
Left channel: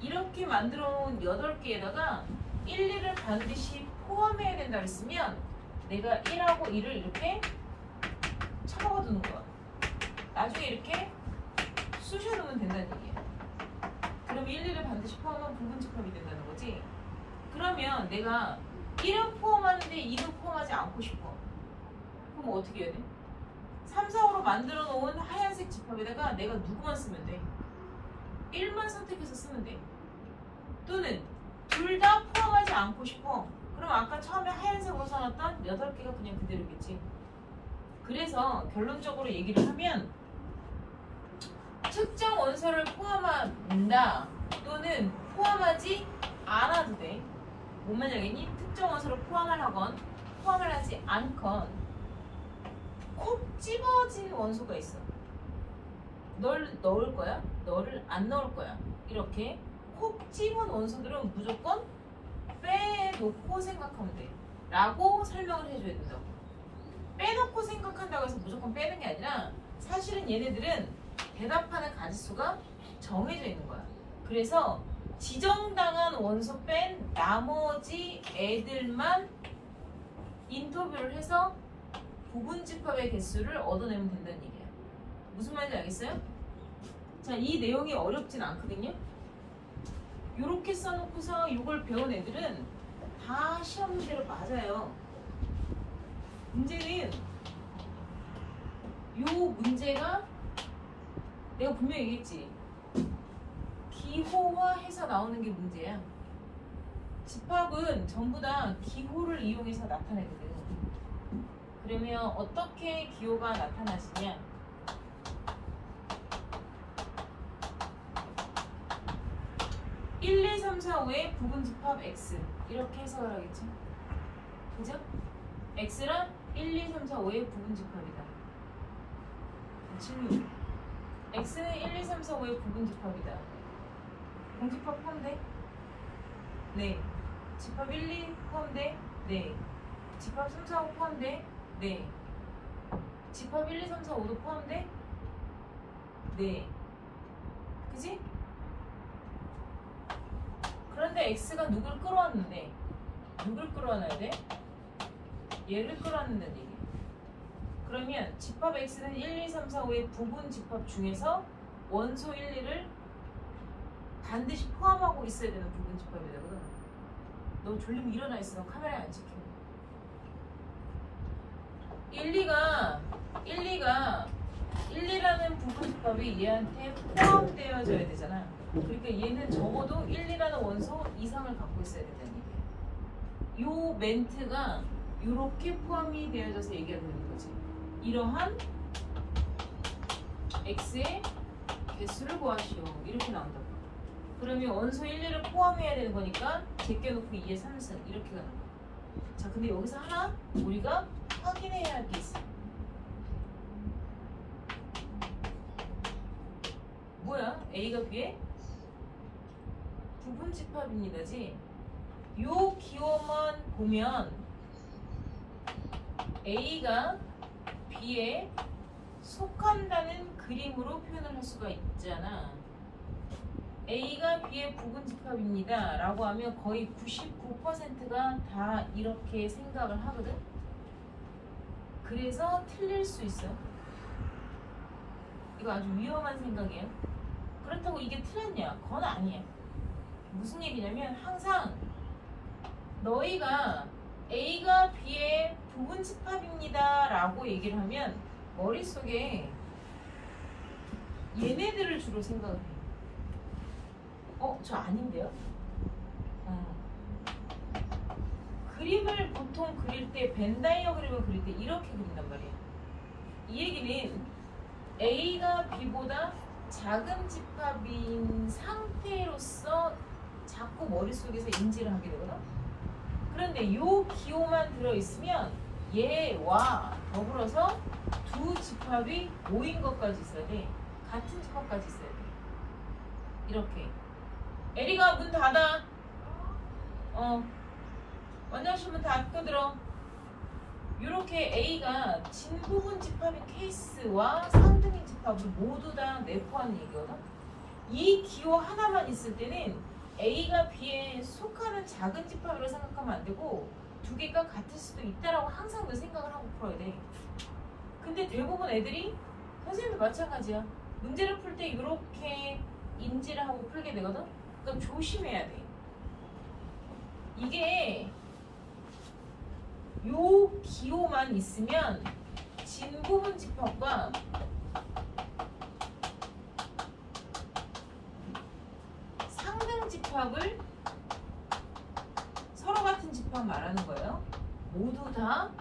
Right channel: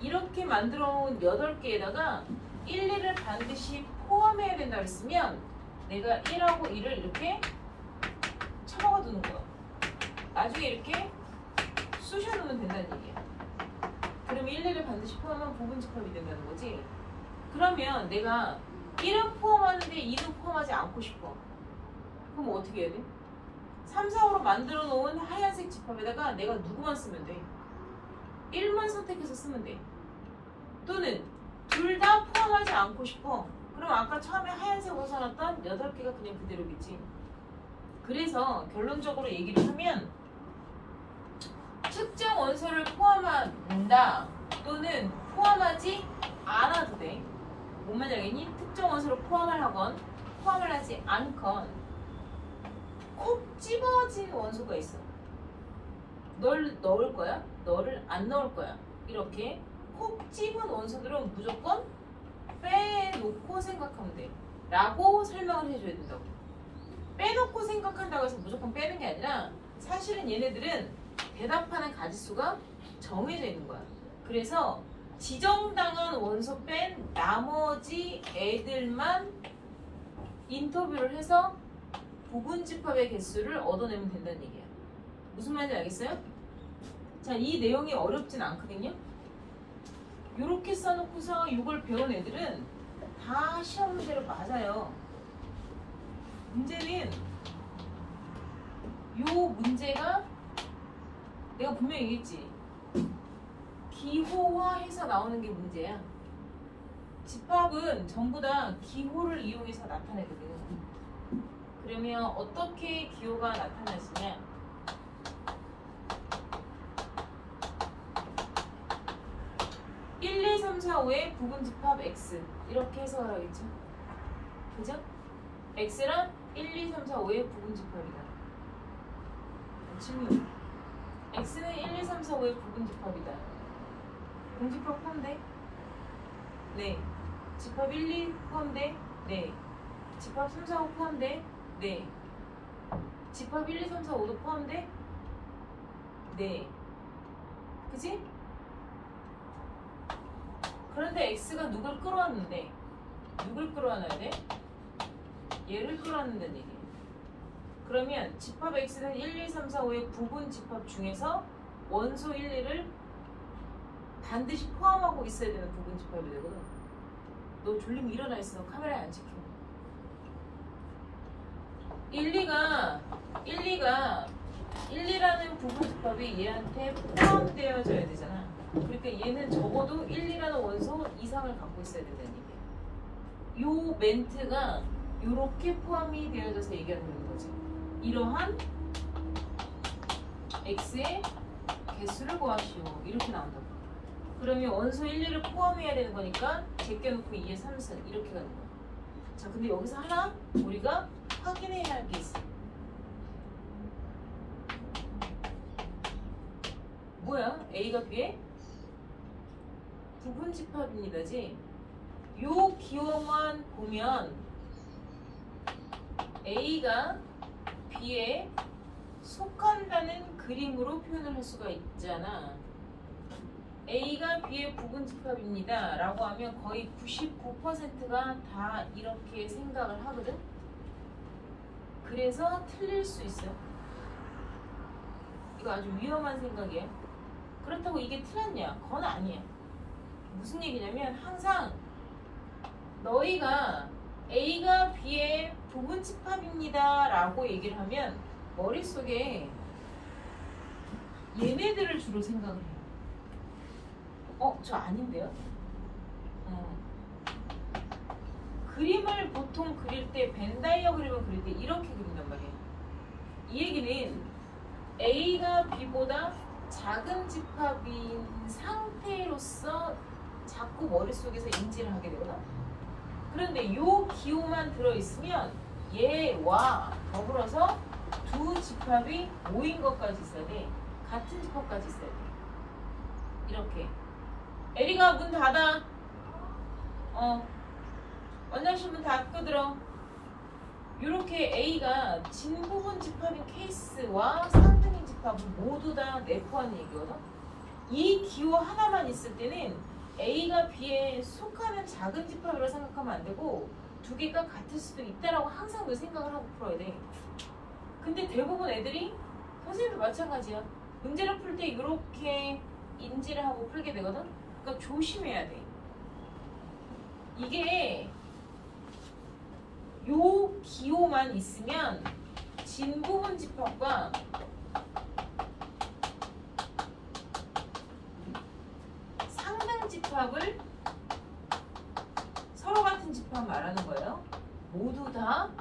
이렇게 만들어 놓은 8개에다가 1, 2를 반드시 포함해야 된다 그랬으면 내가 1하고 2를 이렇게 쳐박아 두는 거야. 나중에 이렇게 쑤셔 놓으면 된다는 얘기야. 그러면 1, 2를 반드시 포함하면 부분집합이 된다는 거지. 그러면 내가 1은 포함하는데 2는 포함하지 않고 싶어. 그럼 어떻게 해야 돼? 3, 4, 5로 만들어 놓은 하얀색 집합에다가 내가 누구만 쓰면 돼? 1만 선택해서 쓰면 돼. 또는 둘 다 포함하지 않고 싶어. 그럼 아까 처음에 하얀색으로 써놨던 8개가 그냥 그대로겠지. 그래서 결론적으로 얘기를 하면 특정 원소를 포함한다 또는 포함하지 않아도 돼. 뭔 말인지 알겠니? 특정 원소를 포함을 하건 포함을 하지 않건 콕 집어진 원소가 있어. 널 넣을 거야? 너를 안 넣을 거야? 이렇게 콕 집은 원소들은 무조건 빼놓고 생각하면 돼 라고 설명을 해줘야 된다고. 빼놓고 생각한다고 해서 무조건 빼는 게 아니라 사실은 얘네들은 대답하는 가지수가 정해져 있는 거야. 그래서 지정당한 원소 뺀 나머지 애들만 인터뷰를 해서 부분집합의 개수를 얻어내면 된다는 얘기야. 무슨 말인지 알겠어요? 자, 이 내용이 어렵진 않거든요. 요렇게 써놓고서 이걸 배운 애들은 다 시험 문제로 맞아요. 문제는 요 문제가 내가 분명히 얘기했지. 기호화해서 나오는 게 문제야. 집합은 전부 다 기호를 이용해서 나타내거든. 그러면 어떻게 기호가 나타나지냐? (1, 2, 3, 4, 5의 부분집합 x) 이렇게 해석을 하겠죠. 그죠? x랑 1, 2, 3, 4, 5의 부분집합이다. 질문. x는 1, 2, 3, 4, 5의 부분집합이다. 공집합 포함돼? 네. 집합 1, 2 포함돼? 네. 집합 3, 4, 5 포함돼? 네. 집합 1, 2, 3, 4, 5도 포함돼? 네. 그지? 그런데 x가 누굴 끌어왔는데 누굴 끌어와놔야 돼? 얘를 끌어왔는다는 얘기야. 그러면 집합 x는 1, 2, 3, 4, 5의 부분 집합 중에서 원소 1, 2를 반드시 포함하고 있어야 되는 부분 집합이 되거든. 너 졸리면 일어나 있어. 카메라에 안 찍혀. 1, 2라는 부분 집합이 얘한테 포함되어져야 되잖아. 그러니까 얘는 적어도 1, 2라는 원소 이상을 갖고 있어야 된다는 얘기야. 요 멘트가 요렇게 포함이 되어져서 얘기가 되는 거지. 이러한 x의 개수를 구하시오. 이렇게 나온다고. 그러면 원소 1, 2를 포함해야 되는 거니까 제껴놓고 2의 3승 이렇게 가는 거야. 자, 근데 여기서 하나 우리가 확인해야 할 게 있어. 뭐야? A가 B의 부분집합입니다지. 요 기호만 보면 A가 B에 속한다는 그림으로 표현을 할 수가 있잖아. A가 B의 부분집합입니다 라고 하면 거의 99%가 다 이렇게 생각을 하거든. 그래서 틀릴 수 있어요. 이거 아주 위험한 생각이에요. 그렇다고 이게 틀렸냐? 그건 아니야. 무슨 얘기냐면 항상 너희가 A가 B의 부분집합입니다 라고 얘기를 하면 머릿속에 얘네들을 주로 생각을 해. 저 아닌데요? 그림을 보통 그릴 때 벤다이어 그림을 그릴 때 이렇게 그린단 말이에요. 이 얘기는 A가 B보다 작은 집합인 상태로서 자꾸 머릿속에서 인지를 하게 되거든. 그런데 요 기호만 들어있으면 얘와 더불어서 두 집합이 모인 것까지 있어야 돼. 같은 집합까지 있어야 돼. 이렇게. 에리가 문 닫아. 원장실 문 닫고 들어. 이렇게 A가 진부분 집합인 케이스와 쌍등인 집합을 모두 다 내포하는 얘기거든. 이 기호 하나만 있을 때는 A가 B에 속하는 작은 집합이라고 생각하면 안 되고 두 개가 같을 수도 있다라고 항상 그 생각을 하고 풀어야 돼. 근데 대부분 애들이 선생님도 마찬가지야. 문제를 풀 때 이렇게 인지를 하고 풀게 되거든. 그러니까 조심해야 돼. 이게 요 기호만 있으면 진부분 집합과 상등 집합을 서로 같은 집합 말하는 거예요. 모두 다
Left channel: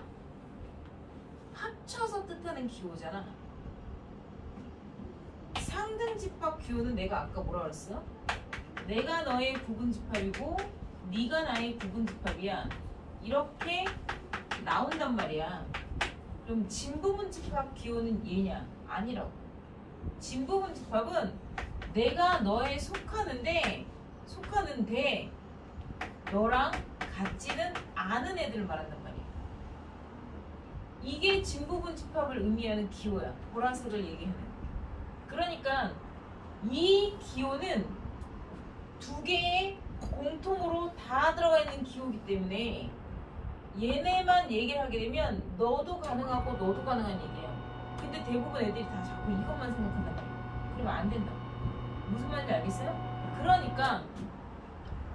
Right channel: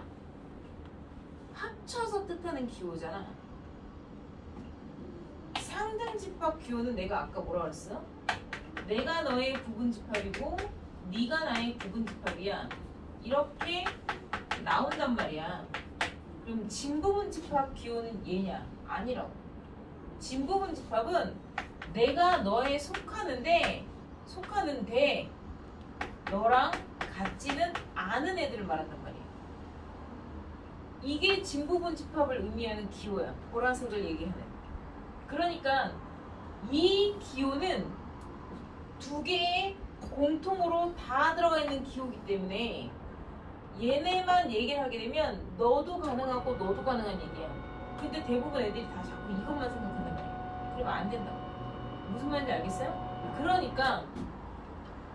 합쳐서 뜻하는 기호잖아. 상등 집합 기호는 내가 아까 뭐라 그랬어? 내가 너의 부분 집합이고 네가 나의 부분 집합이야. 이렇게 나온단 말이야. 그럼 진부분 집합 기호는 얘냐? 아니라고. 진부분 집합은 내가 너에 속하는데 너랑 같지는 않은 애들을 말한단 말이야. 이게 진부분 집합을 의미하는 기호야. 보라색을 얘기하는. 그러니까 이 기호는 두 개의 공통으로 다 들어가 있는 기호이기 때문에 얘네만 얘기를 하게 되면 너도 가능하고 너도 가능한 얘기야. 근데 대부분 애들이 다 자꾸 이것만 생각한단 말이야. 그러면 안 된다고. 무슨 말인지 알겠어요? 그러니까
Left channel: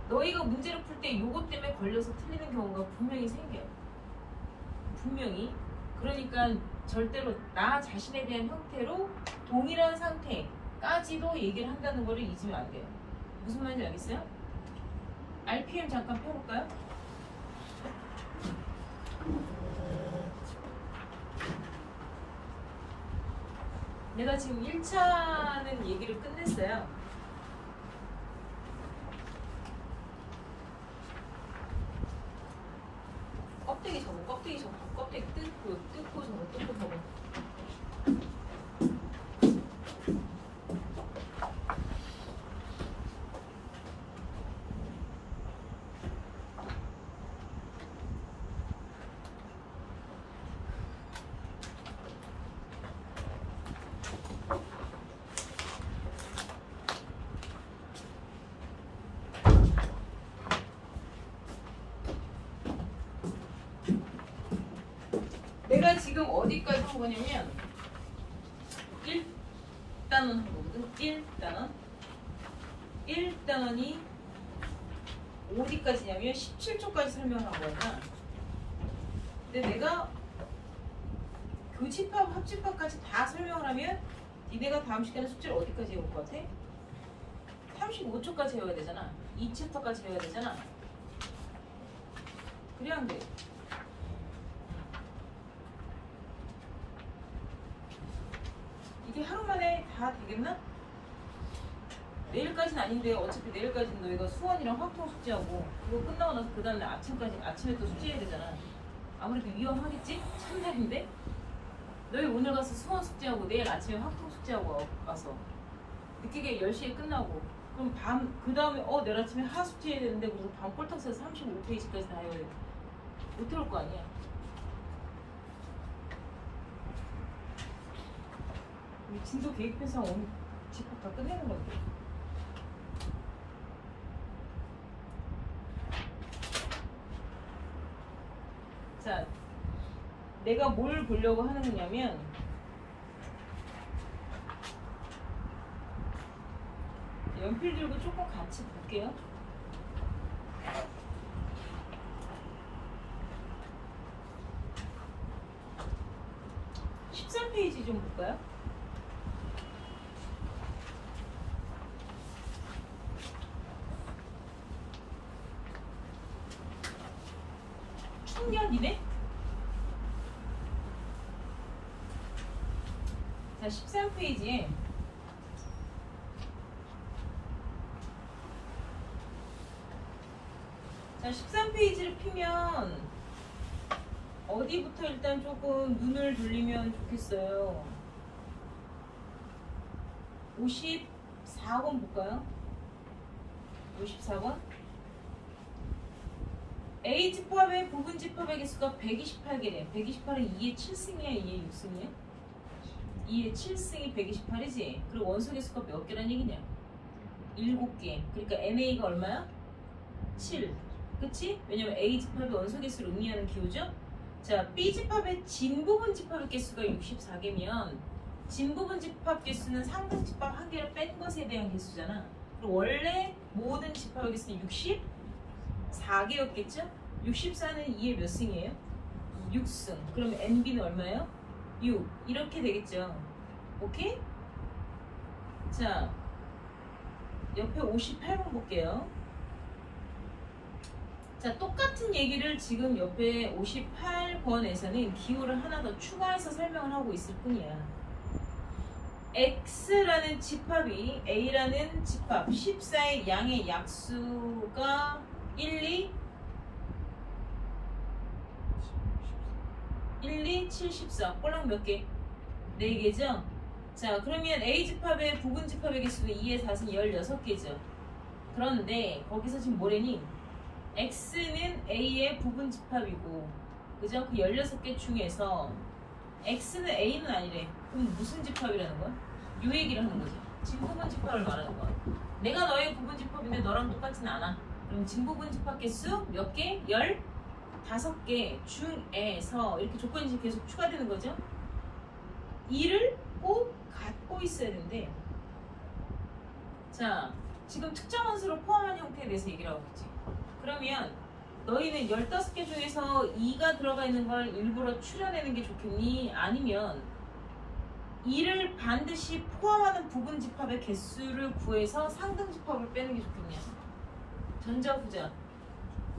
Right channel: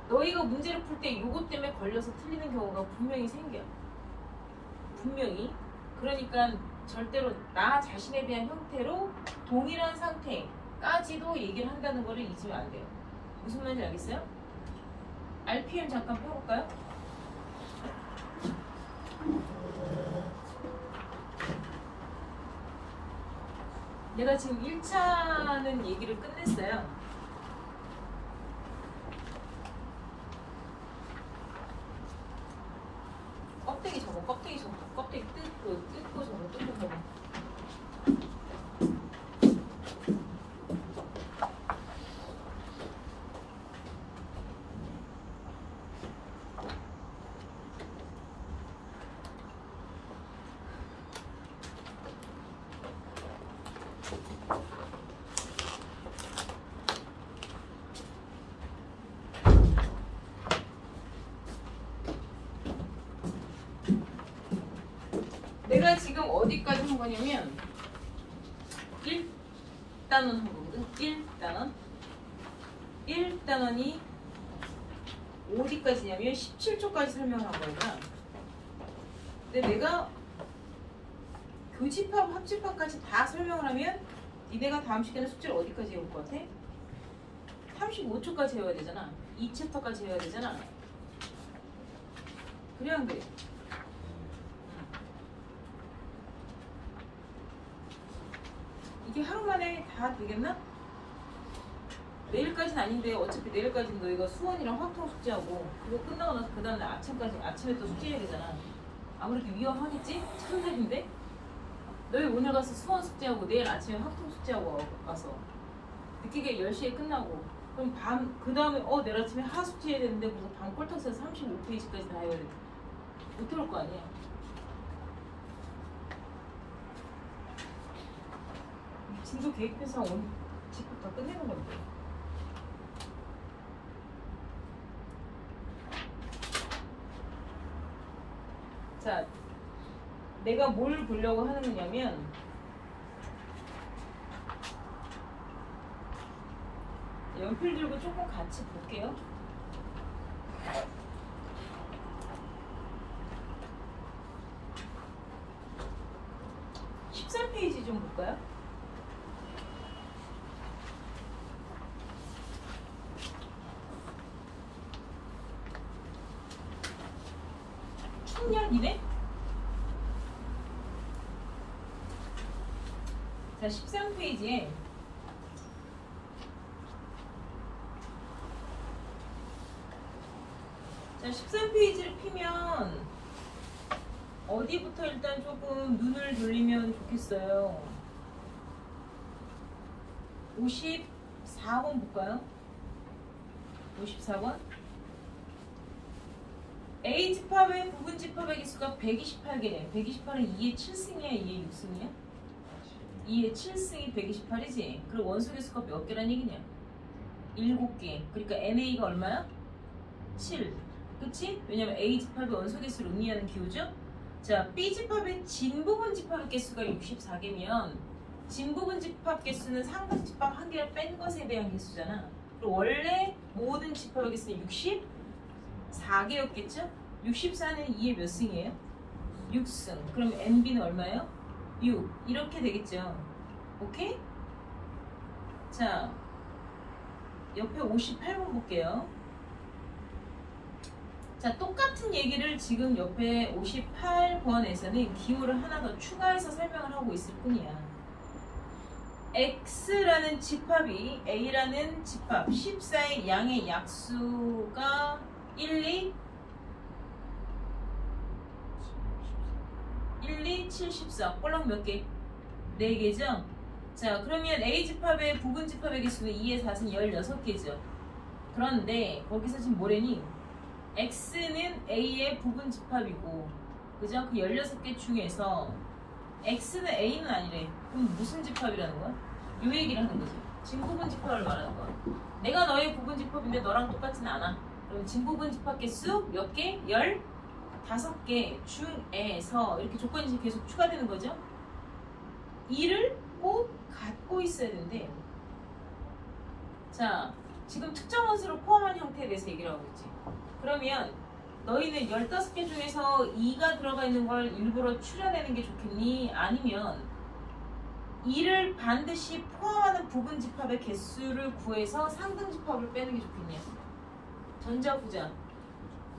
너희가 문제를 풀 때 요것 때문에 걸려서 틀리는 경우가 분명히 생겨. 분명히. 그러니까 절대로 나 자신에 대한 형태로 동일한 상태까지도 얘기를 한다는 거를 잊으면 안 돼요. 무슨 말인지 알겠어요? RPM 잠깐 펴볼까요? 내가 지금 1차는 얘기를 끝냈어요. 껍데기 접어, 껍데기 접어, 껍데기 뜯고 접어, 뜯고 접어. 내가 지금 어디까지 한 거냐면 1단원 한 거거든. 1단원이 어디까지냐면 17초까지 설명을 한 거야. 근데 내가 교집합, 합집합까지 다 설명을 하면 니네가 다음 시간에 숙제를 어디까지 해올 것 같아? 35초까지 해야 되잖아. 2챕터까지 해야 되잖아. 그래 안 그래? 이게 하루 만에 다 되겠나? 내일까지는 아닌데 어차피 내일까지는 너희가 수원이랑 확통 숙제하고 그거 끝나고 나서 그 다음날 아침에 또 숙제해야 되잖아. 아무래도 위험하겠지? 첫날인데? 너희 오늘 가서 수원 숙제하고 내일 아침에 확통 숙제하고 와서 늦게 10시에 끝나고 그럼 그 다음에 내일 아침에 하 숙제해야 되는데 그래서 밤 꼴딱 새서 35페이지까지 다 해야 돼. 못 해올 거 아니야. 진도 계획표상 오늘 집합 다 끝내는 건데. 자, 내가 뭘 보려고 하는 거냐면 연필 들고 조금 같이 볼게요. (14페이지) 좀 볼까요? 청년이네? 자, 13페이지에 자, 13페이지를 피면 어디부터 일단 조금 눈을 돌리면 좋겠어요. 54번 볼까요? 54번? A 집합의 부분 집합의 개수가 128개네. 128은 2의 7승이야, 2의 6승이야? 2의 7승이 128이지. 그럼 원소 개수가 몇 개란 얘기냐? 7개. 그러니까 NA가 얼마야? 7. 그치? 왜냐면 A 집합의 원소 개수를 의미하는 기호죠? 자, B 집합의 진부분 집합의 개수가 64개면 진부분 집합 개수는 상등 집합 한 개를 뺀 것에 대한 개수잖아. 그럼 원래 모든 집합의 개수는 64개였겠죠? 64는 2의 몇 승이에요? 6승. 그럼 NB는 얼마예요? 6. 이렇게 되겠죠. 오케이? 자, 옆에 58번 볼게요. 자, 똑같은 얘기를 지금 옆에 58번에서는 기호를 하나 더 추가해서 설명을 하고 있을 뿐이야. X라는 집합이 A라는 집합 14의 양의 약수가 1, 2, 7, 14. 꼴랑 몇 개? 4개죠? 자, 그러면 A 집합의 부분 집합의 개수는 2의 4는 16개죠. 그런데 거기서 지금 뭐래니? X는 A의 부분 집합이고, 그죠? 그 16개 중에서 X는 A는 아니래. 그럼 무슨 집합이라는 거야? 요 얘기를 하는 거지. 진부분 집합을 말하는 거야. 내가 너의 부분 집합인데 너랑 똑같진 않아. 그럼 진부분 집합 개수 몇 개? 15개 중에서 이렇게 조건이 계속 추가되는 거죠. 이를 꼭 갖고 있어야 되는데, 자, 지금 특정 원소를 포함한 형태에 대해서 얘기를 하고 있지. 그러면 너희는 15개 중에서 2가 들어가 있는 걸 일부러 추려내는 게 좋겠니? 아니면 2를 반드시 포함하는 부분 집합의 개수를 구해서 상등 집합을 빼는 게 좋겠냐? 전자 후자.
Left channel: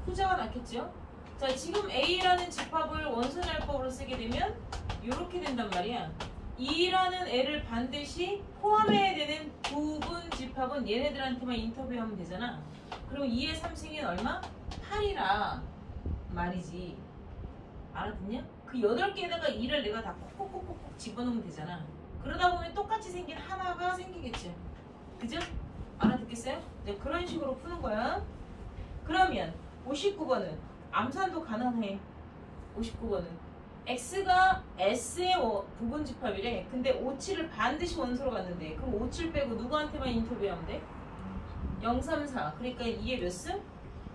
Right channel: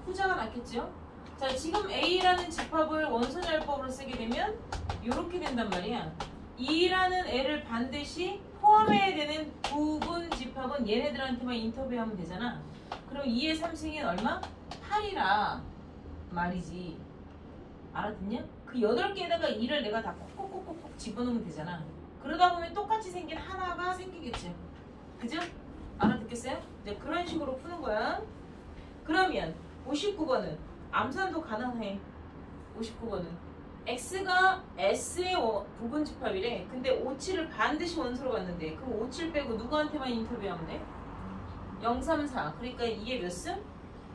후자가 낫겠죠? 자, 지금 A라는 집합을 원소열법으로 쓰게 되면 이렇게 된단 말이야. 2라는 애를 반드시 포함해야 되는 부분 집합은 얘네들한테만 인터뷰하면 되잖아. 그럼 2의 3승인 얼마? 8이라 말이지. 알아듣냐? 그 8개에다가 2를 내가 다 콕콕콕콕 집어넣으면 되잖아. 그러다 보면 똑같이 생긴 하나가 생기겠죠. 그죠? 알아듣겠어요? 이제 그런 식으로 푸는 거야. 그러면 59번은 암산도 가능해. 59번은 X가 S의 부분 집합이래. 근데 57을 반드시 원소로 갔는데 그럼 57 빼고 누구한테만 인터뷰하면 돼? 0, 3, 4. 그러니까 2의 몇 승?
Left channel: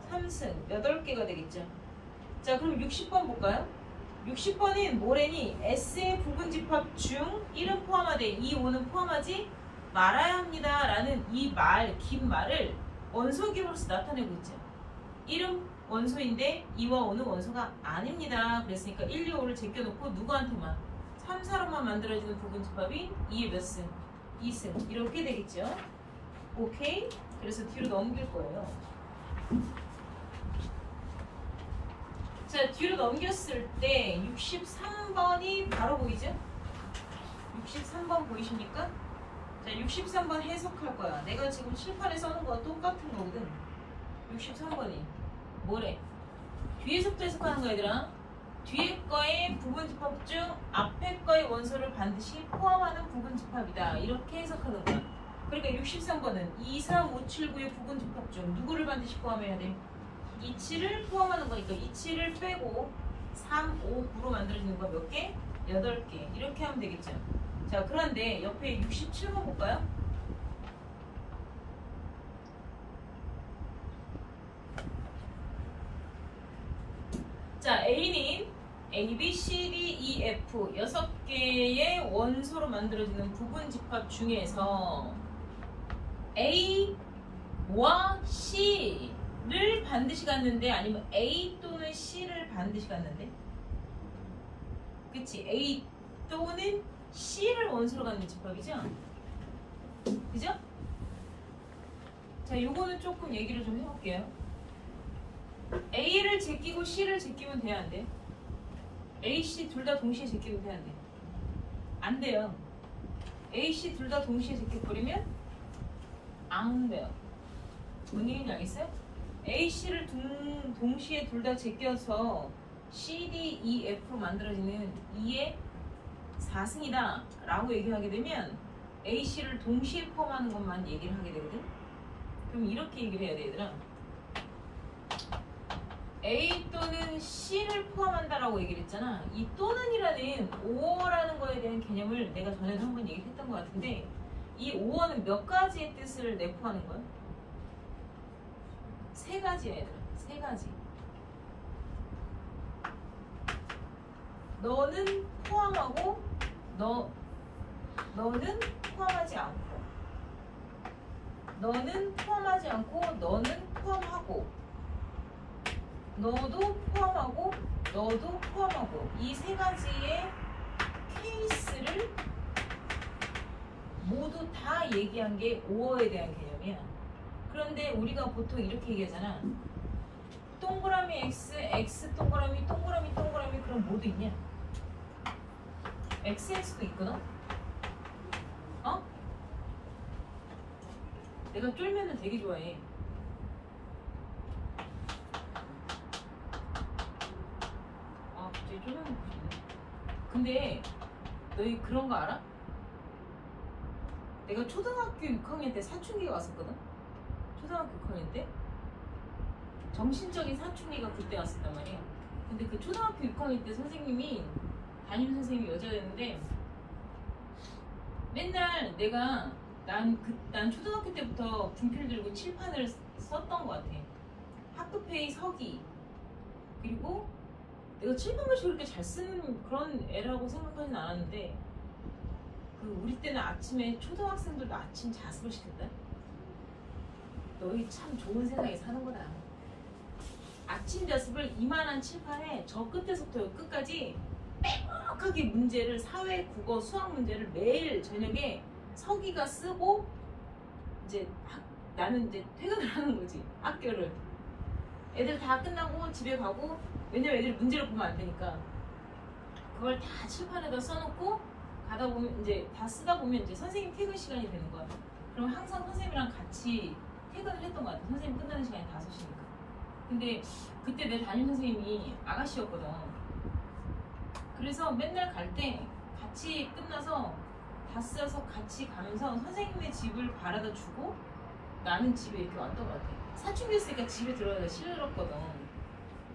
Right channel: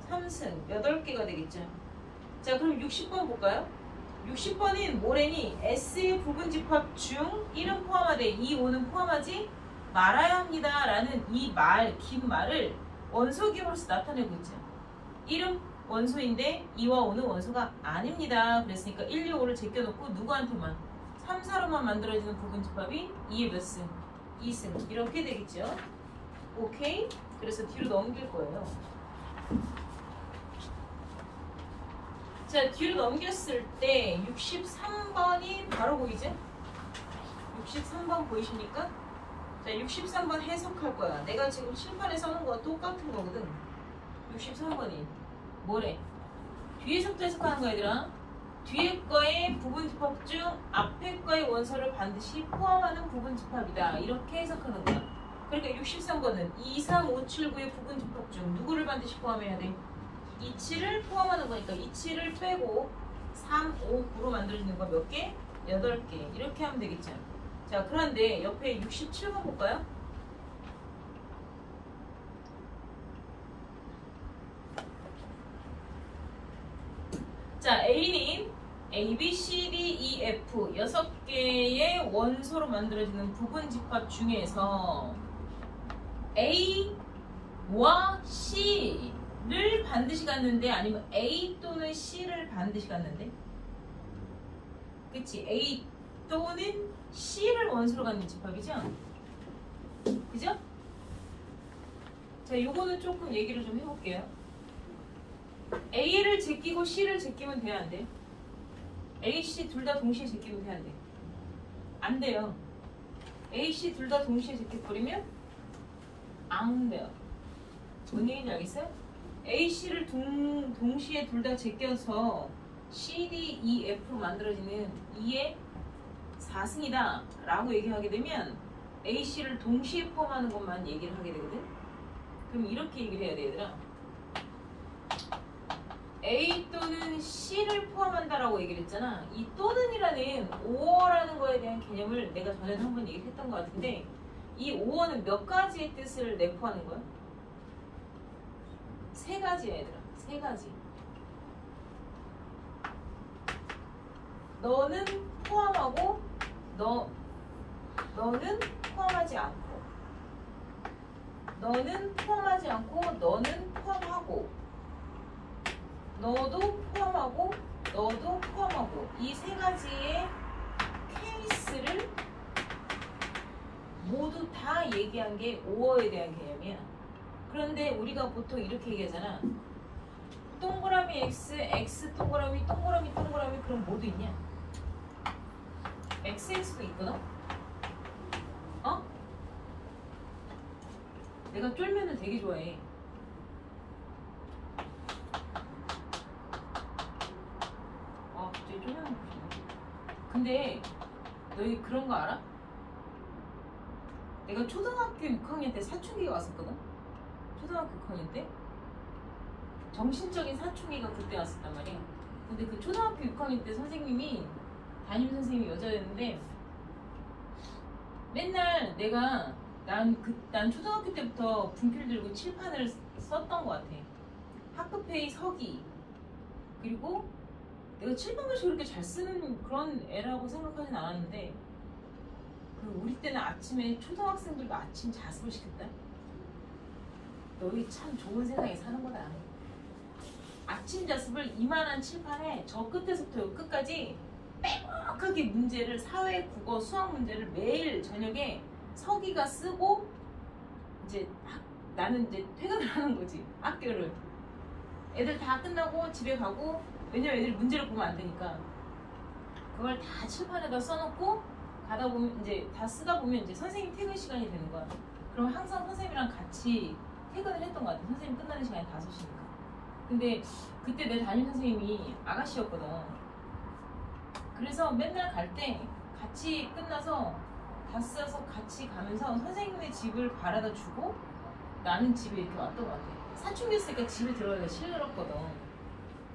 3승. 8개가 되겠죠. 자, 그럼 60번 볼까요? 60번은 뭐래니? S의 부분 집합 중 1은 포함하되 2, 5는 포함하지 말아야 합니다. 라는 이 말, 긴 말을 원소 기호로서 나타내고 있죠. 1은 원소인데 2와 5는 원소가 아닙니다. 그랬으니까 1, 2, 5를 제껴놓고 누구한테만? 3, 4로만 만들어지는 부분 집합이 2의 몇 승? 2승. 이렇게 되겠죠. 오케이? 그래서 뒤로 넘길 거예요. 자, 뒤로 넘겼을 때 63번이 바로 보이죠? 63번 보이십니까? 자, 63번 해석할 거야. 내가 지금 칠판에 써놓은 거와 똑같은 거거든. 63번이 뭐래? 뒤에서부터 해석하는 거 얘들아. 뒤에 거의 부분 집합 중 앞에 거의 원소를 반드시 포함하는 부분 집합이다. 이렇게 해석하는 거야. 그러니까 63번은 2, 3, 5, 7, 9의 부분 집합 중 누구를 반드시 포함해야 돼? 2, 7을 포함하는 거니까 2, 7을 빼고 3, 5, 9로 만들어지는 거 몇 개? 8개. 이렇게 하면 되겠죠. 자, 그런데 옆에 67번 볼까요? 자, A는 A, B, C, D, E, F 6개의 원소로 만들어지는 부분 집합 중에서 A와 C를 반드시 갖는데 아니면 A 또는 C를 반드시 갖는데? 그치? A 또는 C를 원소로 갖는 집합이죠? 그죠? 자, 요거는 조금 얘기를 좀 해볼게요. A를 제끼고 C를 제끼면 돼야 안 돼? A, C 둘 다 동시에 제끼면 돼야 안 돼? 안 돼요. A, C 둘 다 동시에 제껴버리면 안 돼요. 뭔 얘기인지 알겠어요? A, C를 동시에 둘 다 제껴서 C, D, E, F로 만들어지는 2의 4승이다 라고 얘기하게 되면 A, C를 동시에 포함하는 것만 얘기를 하게 되거든. 그럼 이렇게 얘기를 해야 돼 얘들아. A 또는 C를 포함한다라고 얘기를 했잖아. 이 또는이라는 오어라는 거에 대한 개념을 내가 전에도 한번 얘기했던 것 같은데 이 오어는 몇 가지의 뜻을 내포하는 거야? 세 가지야 얘들아. 세 가지. 너는 포함하고 너는 포함하지 않고 너는 포함하지 않고 너는 포함하고 너도 포함하고 너도 포함하고 이 세 가지의 케이스를 모두 다 얘기한 게 오어에 대한 개념이야. 그런데 우리가 보통 이렇게 얘기하잖아. 동그라미 X, X 동그라미, 동그라미, 동그라미 그럼 모두 있냐? XX도 있거든? 어? 내가 쫄면을 되게 좋아해. 아, 갑자기 쫄면 먹고 싶네. 근데 너희 그런 거 알아? 내가 초등학교 6학년 때 사춘기가 왔었거든? 초등학교 6학년 때? 정신적인 사춘기가 그때 왔었단 말이야. 근데 그 초등학교 6학년 때 선생님이 담임 선생님이 여자였는데 맨날 내가 난 초등학교 때부터 분필 들고 칠판을 썼던 것 같아. 학급회의 서기 그리고 내가 칠판글씨 그렇게 잘 쓰는 그런 애라고 생각하진 않았는데 그 우리 때는 아침에 초등학생들도 아침 자습을 시켰다. 너희 참 좋은 세상에 사는 거다. 아침 자습을 이만한 칠판에 저 끝에서부터 끝까지 빼곡하게 문제를 사회, 국어, 수학 문제를 매일 저녁에 서기가 쓰고 이제 나는 이제 퇴근을 하는 거지. 학교를 애들 다 끝나고 집에 가고 왜냐면 애들 문제를 보면 안 되니까 그걸 다 칠판에다 써놓고 가다 보면 이제 다 쓰다 보면 이제 선생님 퇴근 시간이 되는 거야. 그럼 항상 선생님이랑 같이 퇴근을 했던 것 같아. 선생님 끝나는 시간이 5시니까. 근데 그때 내 담임 선생님이 아가씨였거든. 그래서 맨날 갈 때 같이 끝나서 다 써서 같이 가면서 선생님의 집을 바라다 주고 나는 집에 이렇게 왔던 것 같아. 사춘기 있으니까 집에 들어가기가 싫었거든.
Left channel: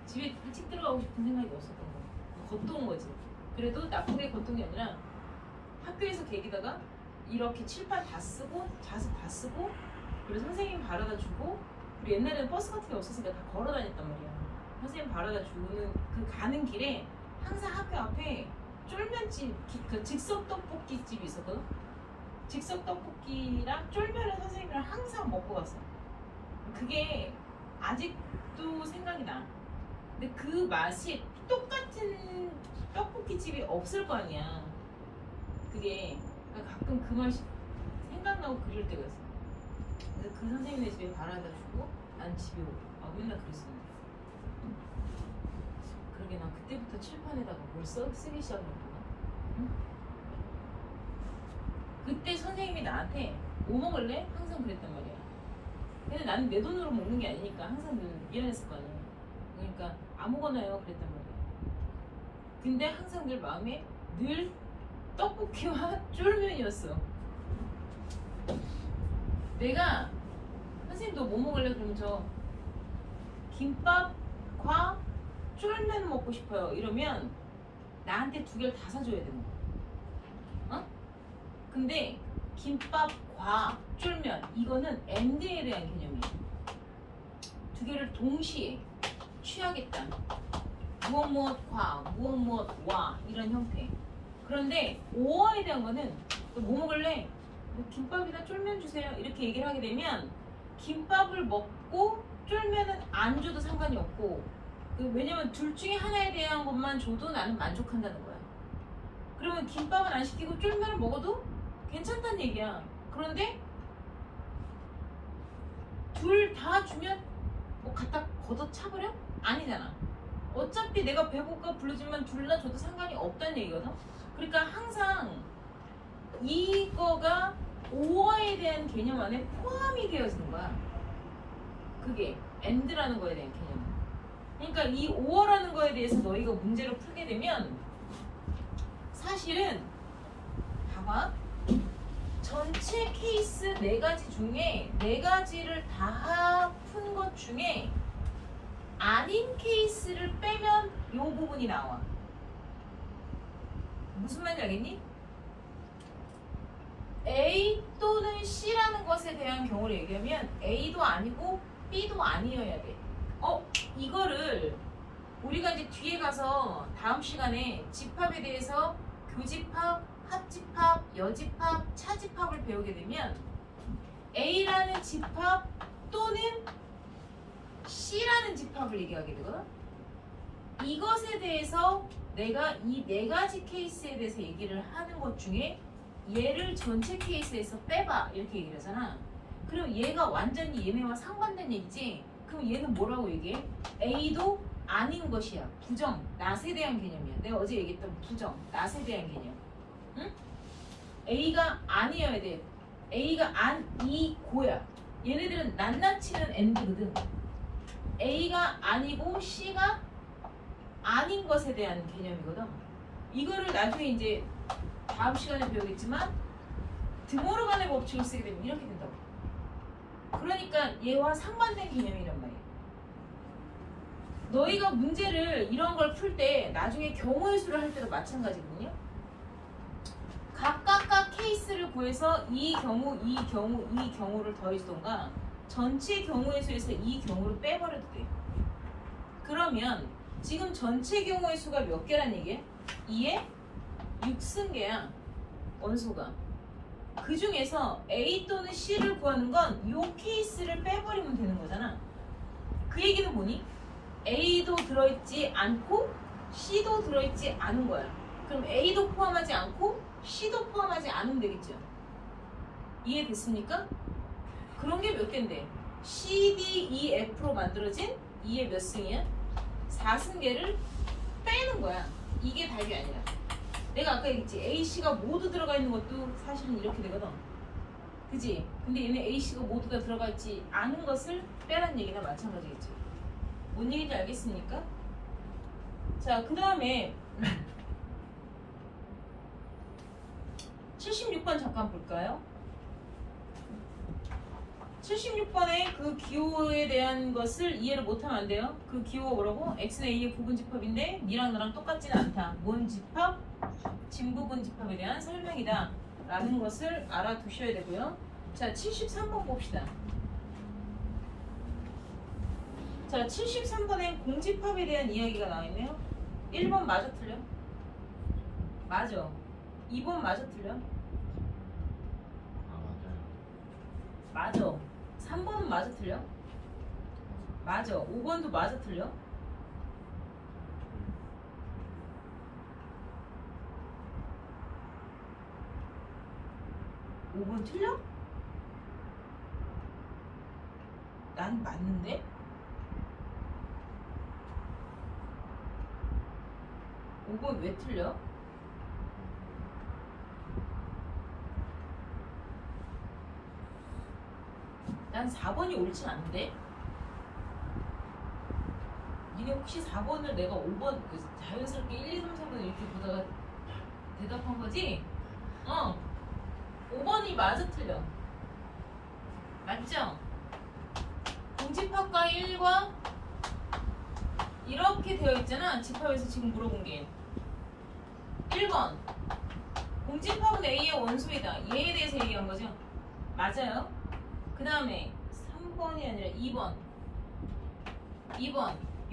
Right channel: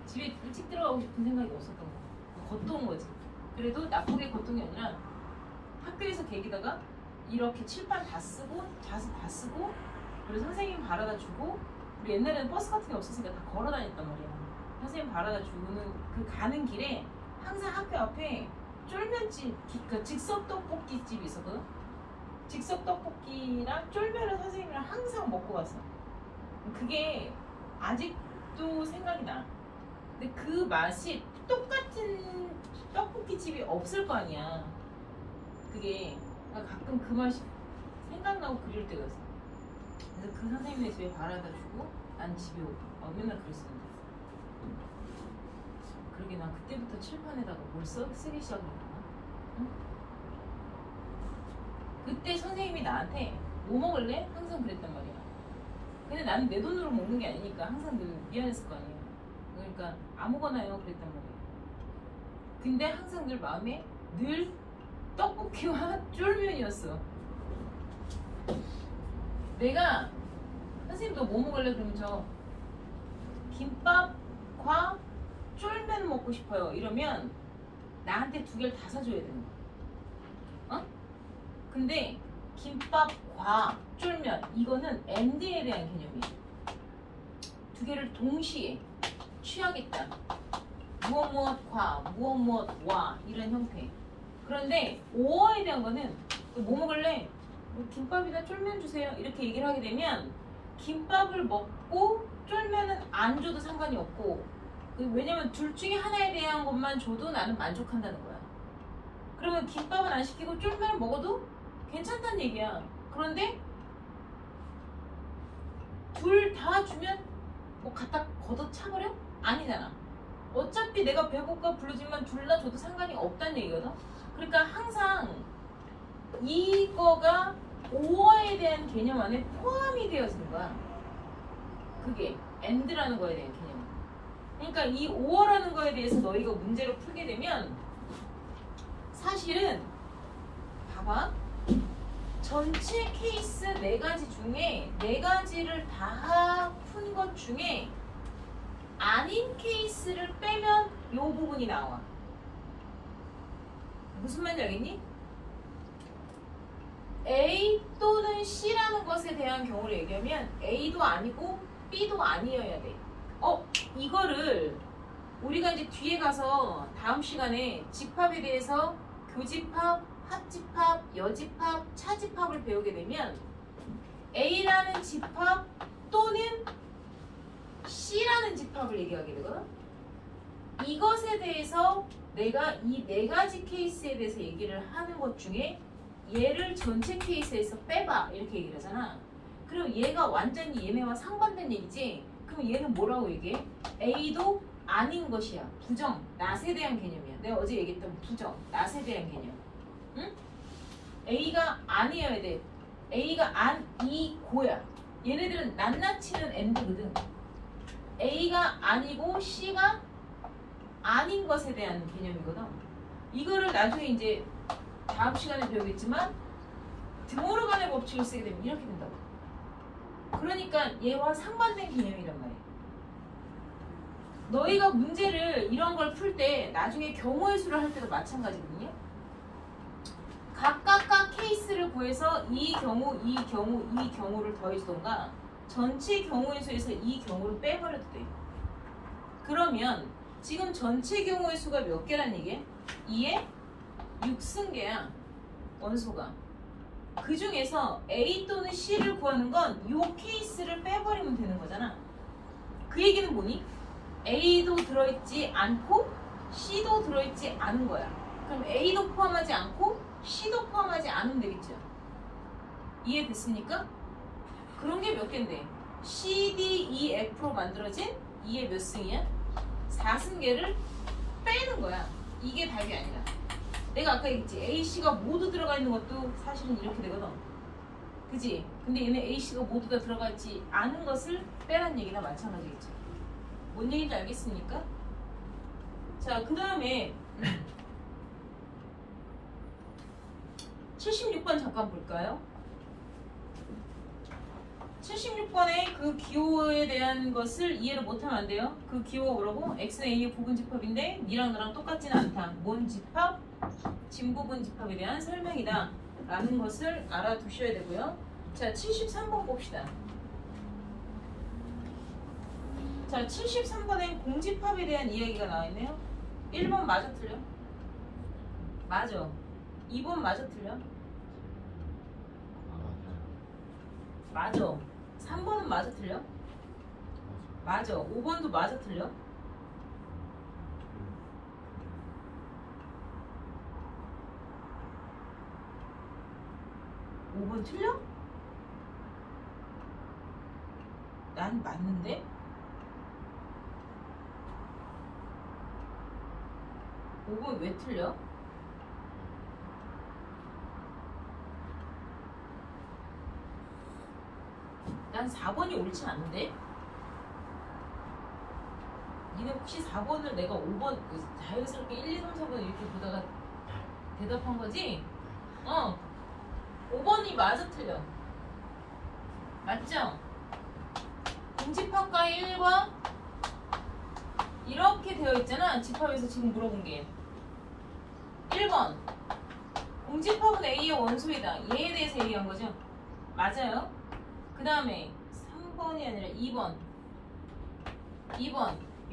집에 일찍 들어가고 싶은 생각이 없었던 거야. 겉도운 거지. 그래도 나쁘게 겉도운 게 아니라 학교에서 계기다가 이렇게 칠판 다 쓰고 자습 다 쓰고 그리고 선생님 바라다 주고 우리 옛날에는 버스 같은 게 없었으니까 다 걸어 다녔단 말이야. 선생님 바라다 주는 그 가는 길에 항상 학교 앞에 쫄면집, 그러니까 즉석 떡볶이 집이 있었거든. 즉석 떡볶이랑 쫄면을 선생님이랑 항상 먹고 갔어. 그게 아직도 생각이 나. 근데 그 맛이 똑같은 떡볶이 집이 없을 거 아니야. 그게 나 가끔 그 맛이 생각나고 그리울 때가 있어. 그래서 그 선생님의 집에 바라다 주고 난 집에 오고 맨날 그랬었는데. 그러게 난 그때부터 칠판에다가 뭘 쓰기 시작했나? 응? 그때 선생님이 나한테 뭐 먹을래? 항상 그랬단 말이야. 근데 나는 내 돈으로 먹는 게 아니니까 항상 늘 미안했을 거 아니야. 그러니까 아무거나요 그랬단 말이야. 근데 항상 늘 마음에 늘 떡볶이와 쫄면이었어. 내가 선생님 너 뭐 먹을래? 그럼 저 김밥과 쫄면 먹고 싶어요. 이러면 나한테 2개를 다 사줘야 되는 거야. 어? 근데 김밥과 쫄면 이거는 엔드에 대한 개념이에요. 2개를 동시에 취하겠다. 무엇과 무엇과 이런 형태. 그런데 오어에 대한 거는 뭐 먹을래? 뭐 김밥이나 쫄면 주세요. 이렇게 얘기를 하게 되면 김밥을 먹고 쫄면은 안 줘도 상관이 없고 왜냐면 둘 중에 하나에 대한 것만 줘도 나는 만족한다는 거야. 그러면 김밥은 안 시키고 쫄면을 먹어도 괜찮다는 얘기야. 그런데 둘 다 주면 뭐 갖다 걷어차버려? 아니잖아. 어차피 내가 배고파 부르지만 둘 다 줘도 상관이 없다는 얘기거든. 그러니까 항상 이거가 오어에 대한 개념 안에 포함이 되어지는 거야. 그게 and라는 거에 대한 개념. 그러니까 이 오어라는 거에 대해서 너희가 문제를 풀게 되면 사실은 봐봐. 전체 케이스 4가지 중에 4가지를 다 푼 것 중에 아닌 케이스를 빼면 이 부분이 나와. 무슨 말인지 알겠니? A 또는 C라는 것에 대한 경우를 얘기하면 A도 아니고 B도 아니어야 돼. 이거를 우리가 이제 뒤에 가서 다음 시간에 집합에 대해서 교집합, 합집합, 여집합, 차집합을 배우게 되면 A라는 집합 또는 C라는 집합을 얘기하게 되거든. 이것에 대해서 내가 이 네 가지 케이스에 대해서 얘기를 하는 것 중에 얘를 전체 케이스에서 빼봐 이렇게 얘기를 하잖아. 그럼 얘가 완전히 얘네와 상반된 얘기지. 그럼 얘는 뭐라고 얘기해? A도 아닌 것이야. 부정, 낫에 대한 개념이야. 내가 어제 얘기했던 부정, 낫에 대한 개념. 응? A가 아니어야 돼. A가 아니고야. 얘네들은 낱낱이는 N거든. A가 아니고 C가 아닌 것에 대한 개념이거든. 이거를 나중에 이제 다음 시간에 배우겠지만 드모르간의 법칙을 쓰게 되면 이렇게 된다고. 그러니까 얘와 상반된 개념이란 말이야. 너희가 문제를 이런 걸 풀 때 나중에 경우의 수를 할 때도 마찬가지거든요. 각각각 케이스를 구해서 이 경우, 이 경우, 이 경우를 더해주던가 전체 경우의 수에서 이 경우를 빼버려도 돼. 그러면 지금 전체 경우의 수가 몇 개란 얘기야? 2에 6승계야. 원소가. 그 중에서 A 또는 C를 구하는 건 이 케이스를 빼버리면 되는 거잖아. 그 얘기는 뭐니? A도 들어있지 않고 C도 들어있지 않은 거야. 그럼 A도 포함하지 않고 C도 포함하지 않으면 되겠죠. 이해됐습니까? 그런 게 몇 개인데? C, D, E, F로 만들어진 2의 몇 승이야? 4승계를 빼는 거야. 이게 답이 아니라. 내가 아까 얘기했지. A, C가 모두 들어가 있는 것도 사실은 이렇게 되거든. 그지? 근데 얘는 A, C가 모두 다 들어가 있지 않은 것을 빼란 얘기나 마찬가지겠죠. 뭔 얘기인지 알겠습니까? 자, 그 다음에 76번 잠깐 볼까요? 76번의 그 기호에 대한 것을 이해를 못하면 안 돼요. 그 기호가 뭐라고? X는 A의 부분 집합인데 니랑 너랑 똑같지는 않다. 뭔 집합? 진부분 집합에 대한 설명이다 라는 것을 알아두셔야 되고요. 자, 73번 봅시다. 자, 73번엔 공집합에 대한 이야기가 나와있네요. 1번 맞아 틀려? 맞아. 2번 맞아 틀려? 맞아. 3번은 맞아 틀려? 맞아. 5번도 맞아 틀려? 오 번 틀려? 난 맞는데? 5번 왜 틀려? 난 4번이 옳지 않은데? 니네 혹시 4번을 내가 5번 자연스럽게 1, 2, 3, 4번 이렇게 보다가 대답한 거지? 5번이 맞아 틀려. 맞죠? 공집합과 1과 이렇게 되어 있잖아. 집합에서 지금 물어본 게 1번 공집합은 A의 원소이다. 얘에 대해서 얘기한 거죠? 맞아요. 그 다음에 3번이 아니라 2번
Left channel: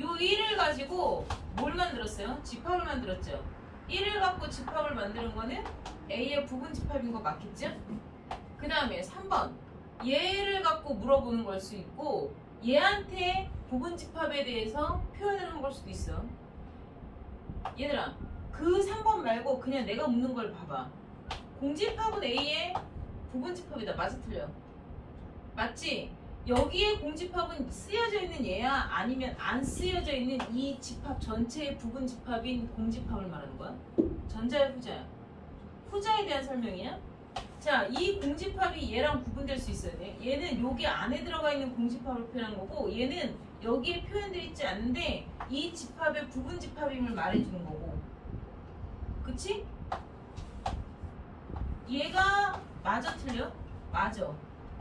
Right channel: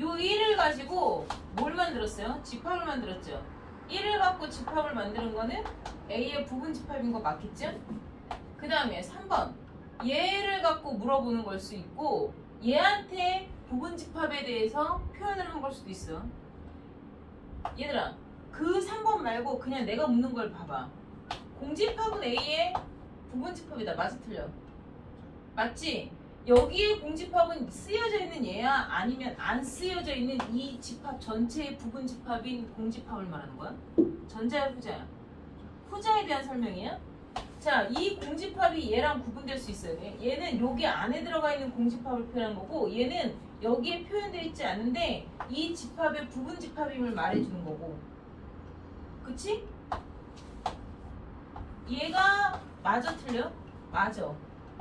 요 1을 가지고 뭘 만들었어요? 집합을 만들었죠. 1을 갖고 집합을 만드는 거는 A의 부분 집합인 거 맞겠죠? 그 다음에 3번 얘를 갖고 물어보는 걸 수 있고 얘한테 부분 집합에 대해서 표현을 한 걸 수도 있어. 얘들아, 그 3번 말고 그냥 내가 묻는 걸 봐봐. 공집합은 A의 부분 집합이다. 맞아 틀려? 맞지? 여기에 공집합은 쓰여져 있는 얘야? 아니면 안 쓰여져 있는 이 집합 전체의 부분 집합인 공집합을 말하는 거야? 전자야 후자야? 후자에 대한 설명이야? 자, 이 공집합이 얘랑 구분될 수 있어요. 얘는 여기 안에 들어가 있는 공집합을 표현한 거고 얘는 여기에 표현되어 있지 않은데 이 집합의 부분 집합임을 말해주는 거고. 그치? 얘가 맞아 틀려? 맞아.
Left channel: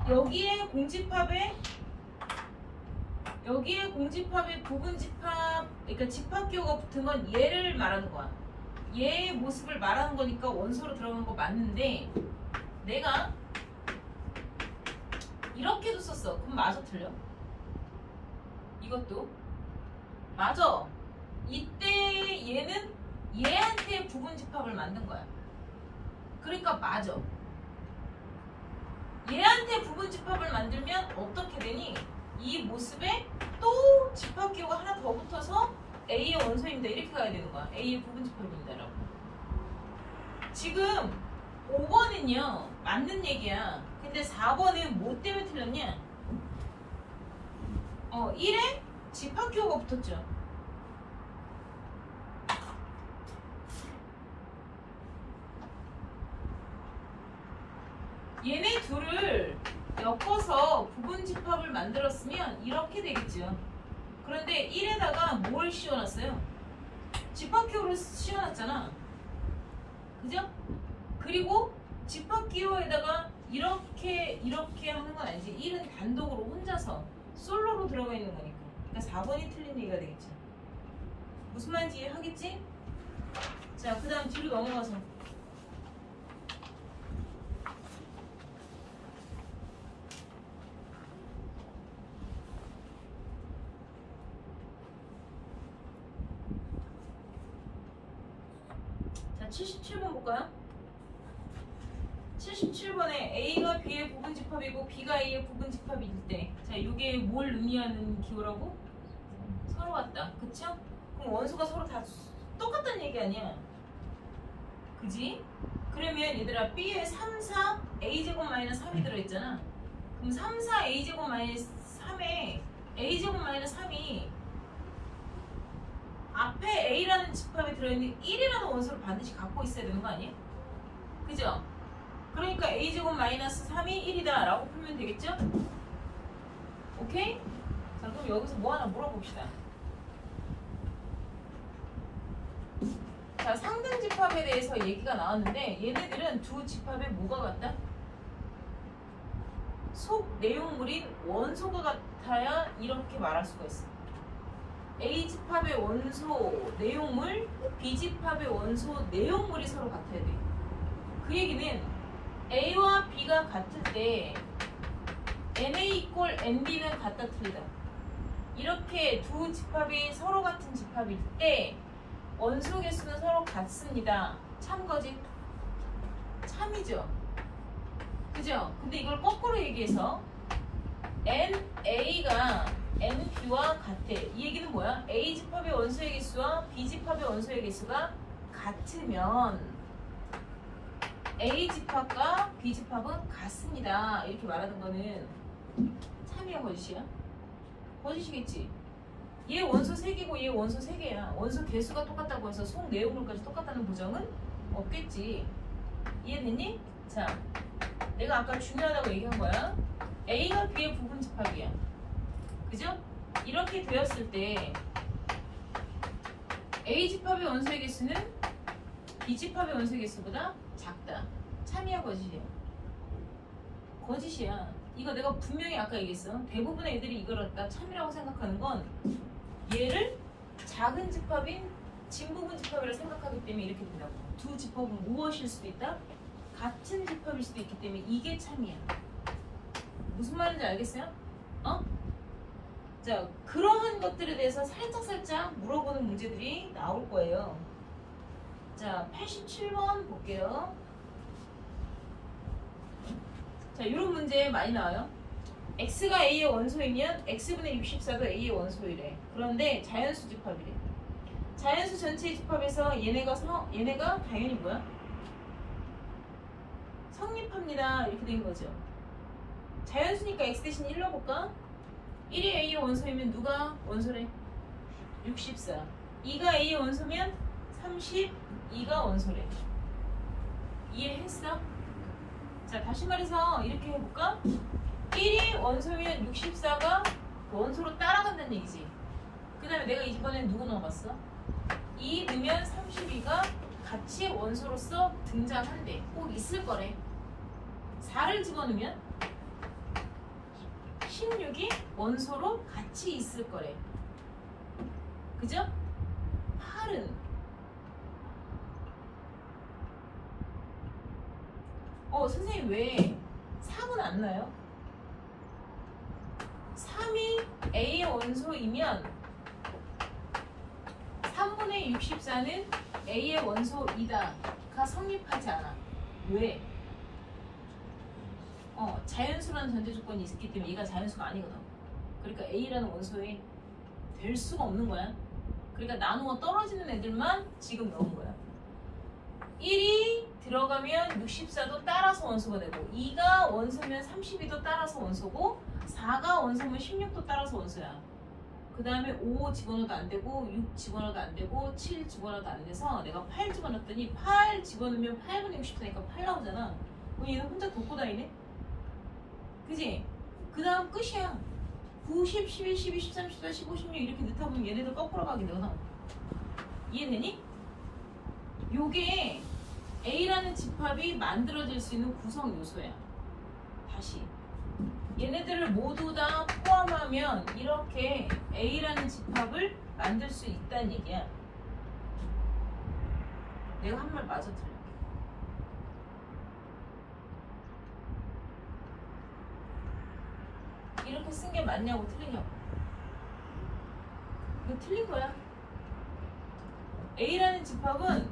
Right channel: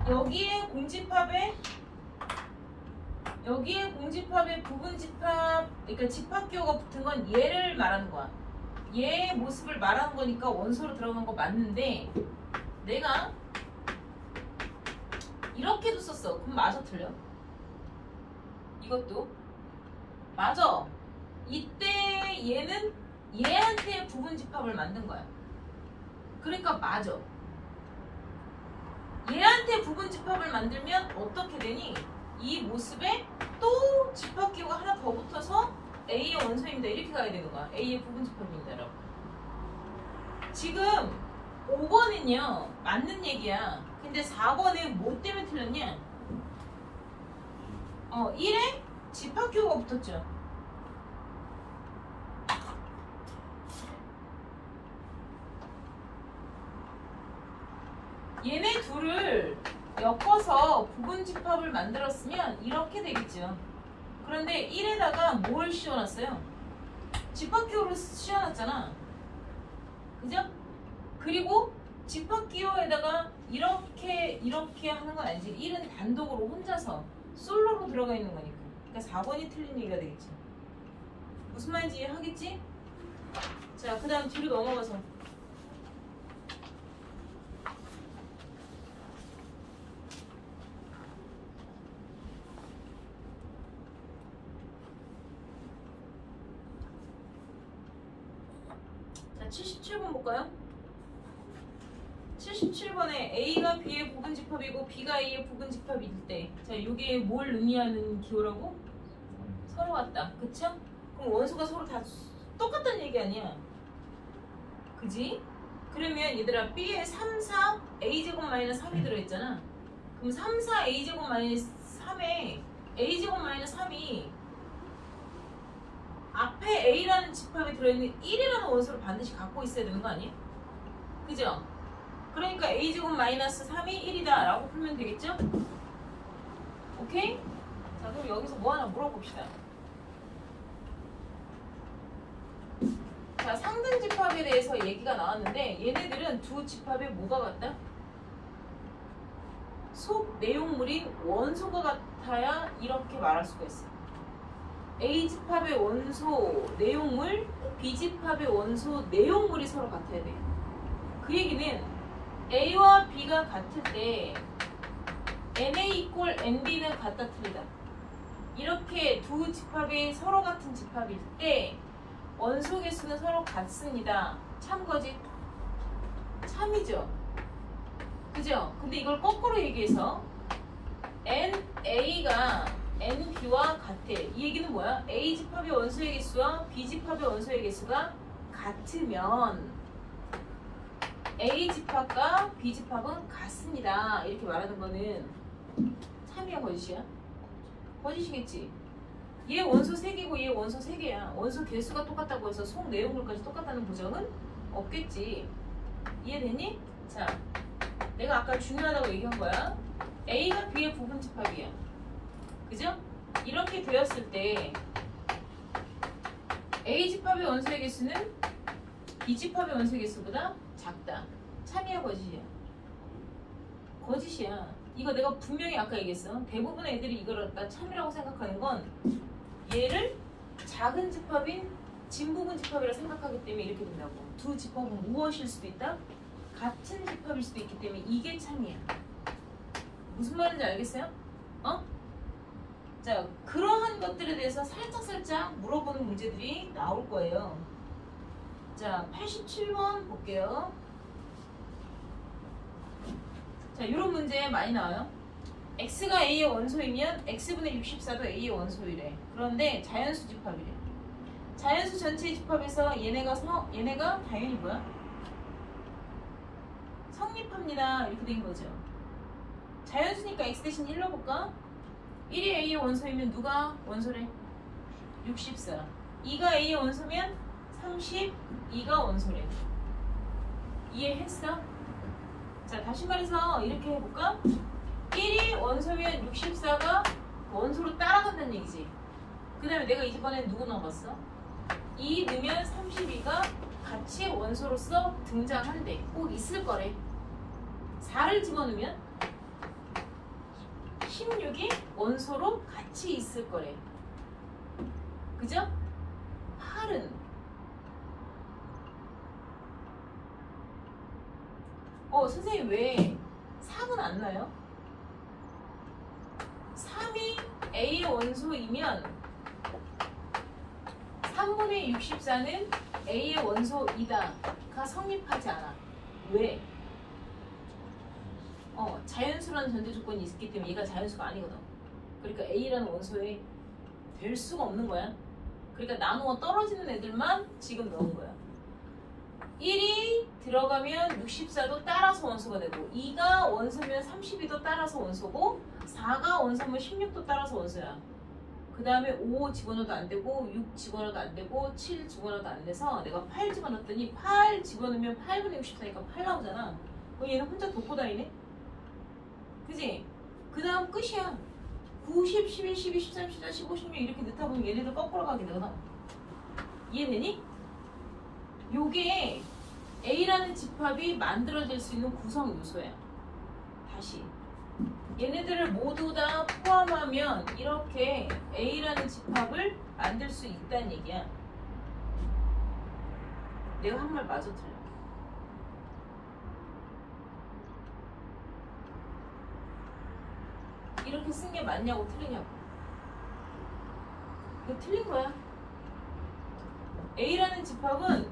여기에 공집합에 여기에 공집합에 부분집합, 그러니까 집합기호가 붙은 건 얘를 말하는 거야. 얘의 모습을 말하는 거니까 원소로 들어간 거 맞는데 내가 이렇게도 썼어. 그럼 맞아 틀려? 이것도 맞아. 이때 얘는 얘한테 부분집합을 만든 거야. 그러니까 맞아. 얘한테 부분집합을 만들면 어떻게 되니? 이 모습에 또 집합기호가 하나 더 붙어서 A의 원소입니다. 이렇게 가야 되는 거야. A의 부분집합입니다라고. 지금 5번은요 맞는 얘기야. 근데 4번은 뭐 때문에 틀렸냐? 1에 집합기호가 붙었죠. 얘네 둘을 엮어서 부분집합을 만들었으면 이렇게 되겠죠. 그런데 1에다가 뭘 씌워놨어요? 집합기호를 씌워놨잖아. 그죠? 그리고 집합기호에다가 이렇게 하는 건 아니지. 1은 단독으로 혼자서 솔로로 들어가 있는 거니까. 그러니까 4번이 틀린 얘기가 되겠지. 무슨 말인지 이해하겠지? 자, 그 다음 뒤로 넘어가서 자, 77번 볼까요? 77번에 A가 B의 부분집합이고 B가 A의 부분집합일 때, 자, 이게 뭘 의미하는 기호라고? 서로 같다. 그쵸? 그럼 원소가 서로 다 똑같다는 얘기 아니야. 그지? 그러면 얘들아 B에 3, 4 A제곱 마이너스 3이 들어있잖아. 그럼 3, 4 A제곱 마이너스 3에 A제곱 마이너스 3이 앞에 A라는 집합이 들어있는 1이라는 원소를 반드시 갖고 있어야 되는 거 아니야? 그죠? 그러니까 A제곱 마이너스 3이 1이다 라고 풀면 되겠죠? 오케이? 자, 그럼 여기서 뭐 하나 물어봅시다. 자, 상등 집합에 대해서 얘기가 나왔는데 얘네들은 두 집합에 뭐가 같다? 속 내용물인 원소가 같아야 이렇게 말할 수가 있어. A 집합의 원소 내용물, B 집합의 원소 내용물이 서로 같아야 돼. 그 얘기는 A와 B가 같을 때 NA 이퀄 NB는 같다 틀리다. 이렇게 두 집합이 서로 같은 집합일 때 원소 개수는 서로 같습니다. 참거지? 참이죠. 그죠? 근데 이걸 거꾸로 얘기해서 NA가 NB와 같아. 이 얘기는 뭐야? A 집합의 원소의 개수와 B 집합의 원소의 개수가 같으면 A 집합과 B 집합은 같습니다. 이렇게 말하는 거는 참이야 거짓이야? 거짓이겠지. 얘 원소 3개고 얘 원소 3개야. 원소 개수가 똑같다고 해서 속 내용물까지 똑같다는 보장은 없겠지. 이해됐니? 자, 내가 아까 중요하다고 얘기한 거야. A가 B의 부분집합이야. 그죠? 이렇게 되었을 때 A 집합의 원소의 개수는 B 집합의 원소의 개수보다 작다. 참이야 거짓이야? 거짓이야. 이거 내가 분명히 아까 얘기했어. 대부분의 애들이 이걸 갖다 참이라고 생각하는 건 얘를 작은 집합인 진부분 집합이라고 생각하기 때문에 이렇게 된다고. 두 집합은 무엇일 수도 있다? 같은 집합일 수도 있기 때문에 이게 참이야. 무슨 말인지 알겠어요? 자, 그러한 것들에 대해서 살짝 물어보는 문제들이 나올 거예요. 자, 87번 볼게요. 자, 이런 문제 많이 나와요. x가 a의 원소이면 x분의 64도 a의 원소이래. 그런데 자연수 집합이래. 자연수 전체의 집합에서 얘네가 당연히 뭐야? 성립합니다. 이렇게 된 거죠. 자연수니까 x 대신 1로 해볼까? 1이 a의 원소이면 누가 원소래? 64. 2가 a의 원소면 32가 원소래. 이해했어? 자, 다시 말해서 이렇게 해볼까? 1이 원소면 64가 원소로 따라간다는 얘기지. 그 다음에 내가 이번엔 누구 넣어봤어? 2 넣으면 32가 같이 원소로서 등장한대. 꼭 있을 거래. 4를 집어넣으면 16이 원소로 같이 있을 거래. 그죠? 8은 선생님 왜 3은 안 나요? 3이 A의 원소이면 3분의 64는 A의 원소이다가 성립하지 않아. 왜? 자연수라는 전제 조건이 있기 때문에 얘가 자연수가 아니거든. 그러니까 A라는 원소에 될 수가 없는 거야. 그러니까 나누어 떨어지는 애들만 지금 넣은 거야. 1이 들어가면 64도 따라서 원소가 되고 2가 원소면 32도 따라서 원소고 4가 원소면 16도 따라서 원소야. 그 다음에 5 집어넣어도 안 되고 6 집어넣어도 안 되고 7 집어넣어도 안 돼서 내가 8 집어넣었더니 8 집어넣으면 8분의 64니까 8 나오잖아. 그럼 얘는 혼자 돕고 다니네? 그지? 그 다음 끝이야. 9, 10, 11, 12, 13, 14, 15, 16 이렇게 넣다 보면 얘네들 거꾸로 가게 되거든. 이해되니? 요게 A라는 집합이 만들어질 수 있는 구성 요소야. 다시 얘네들을 모두 다 포함하면 이렇게 A라는 집합을 만들 수 있다는 얘기야. 내가 한 말 맞아 틀려? 이렇게 쓴 게 맞냐고 틀리냐고. 이거 틀린 거야. A라는 집합은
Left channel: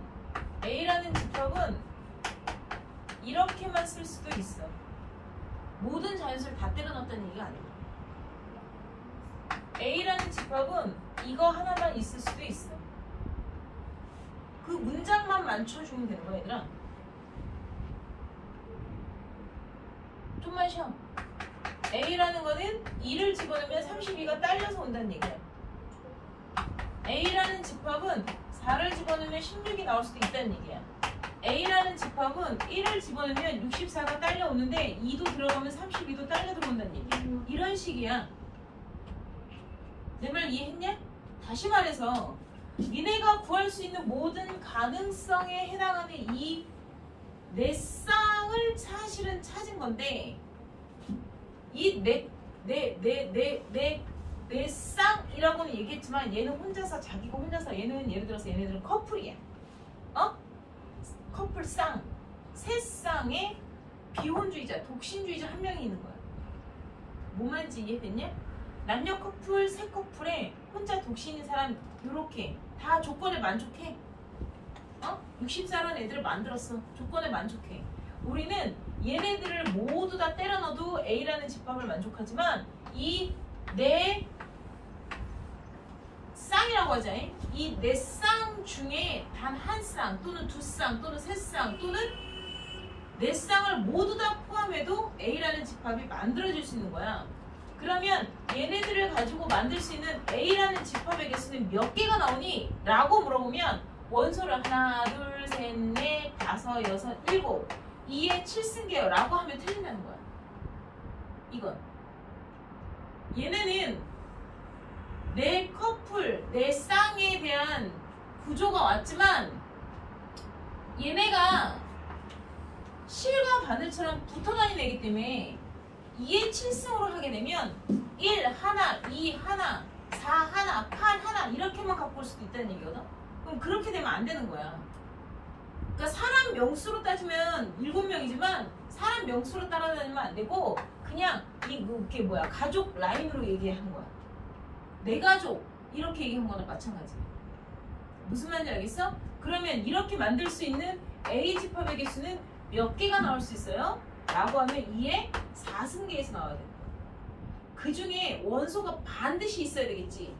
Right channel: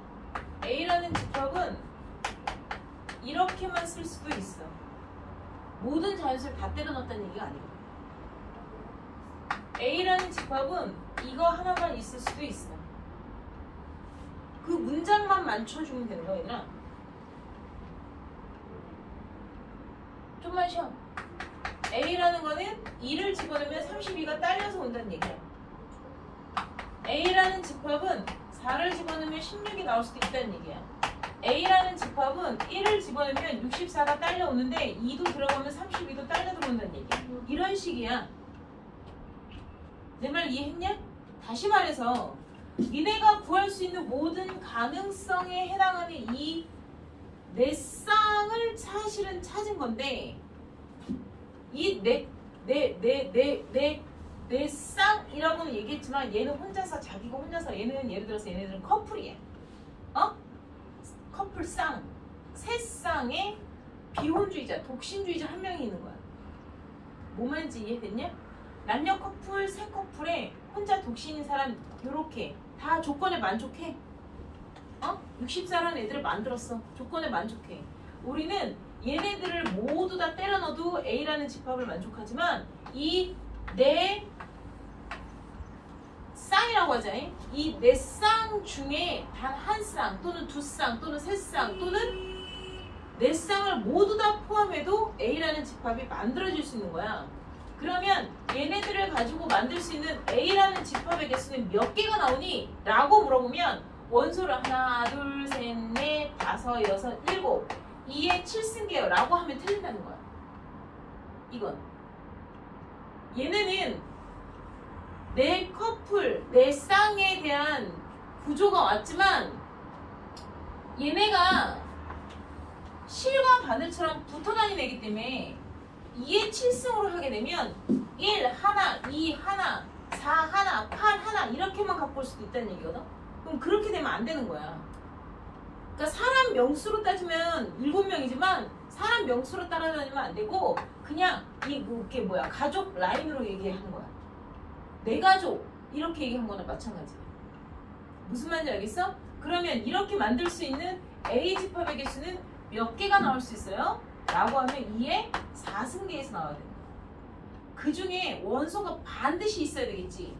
이렇게만 쓸 수도 있어. 모든 자연수를 다 때려 넣었다는 얘기가 아니고. A라는 집합은 이거 하나만 있을 수도 있어. 그 문장만 맞춰주면 되는 거야, 얘들아. 좀만 쉬어. A라는 거는 2를 집어넣으면 32가 딸려서 온다는 얘기야. A라는 집합은 4를 집어넣으면 16이 나올 수도 있다는 얘기야. A라는 집합은 1을 집어넣으면 64가 딸려오는데 2도 들어가면 32도 딸려 들어온다는 얘기야. 이런 식이야. 내 말 이해했냐? 다시 말해서 니네가 구할 수 있는 모든 가능성에 해당하는 이 네 쌍을 사실은 찾은 건데 이 네 쌍이라고는 얘기했지만 얘는 혼자서 자기가 혼자서 얘는 예를 들어서 얘네들은 커플이야. 커플 쌍. 세 쌍의 비혼주의자, 독신주의자 한 명이 있는 거야. 뭔 말인지 이해됐냐? 남녀 커플, 세 커플에 혼자 독신인 사람 요렇게 다 조건에 만족해. 64라는 애들을 만들었어. 조건에 만족해. 우리는 얘네들을 모두 다 때려 넣어도 A라는 집합을 만족하지만 이 네 쌍이라고 하자. 이 네 쌍 중에 단 한 쌍 또는 두 쌍 또는 세 쌍 또는 네 쌍을 모두 다 포함해도 A라는 집합이 만들어질 수 있는 거야. 그러면 얘네들을 가지고 만들 수 있는 A라는 집합의 개수는 몇 개가 나오니? 라고 물어보면 원소를 하나, 둘, 셋, 넷, 다섯, 여섯, 일곱 2에 7승계요 라고 하면 틀린다는 거야. 이건 얘네는 네 커플, 네 쌍에 대한 구조가 왔지만 얘네가 실과 바늘처럼 붙어 다니는 애기 때문에 2에 7승으로 하게 되면 1 하나, 2 하나, 4 하나, 8 하나 이렇게만 갖고 올 수도 있다는 얘기거든. 그럼 그렇게 되면 안 되는 거야. 그러니까 사람 명수로 따지면 7명이지만 사람 명수로 따라다니면 안 되고 그냥 이게 뭐야 가족 라인으로 얘기한 거야. 내 가족 이렇게 얘기한 거나 마찬가지. 무슨 말인지 알겠어? 그러면 이렇게 만들 수 있는 A 집합의 개수는 몇 개가 나올 수 있어요? 라고 하면 2의 4승계에서 나와야 돼. 그 중에 원소가 반드시 있어야 되겠지.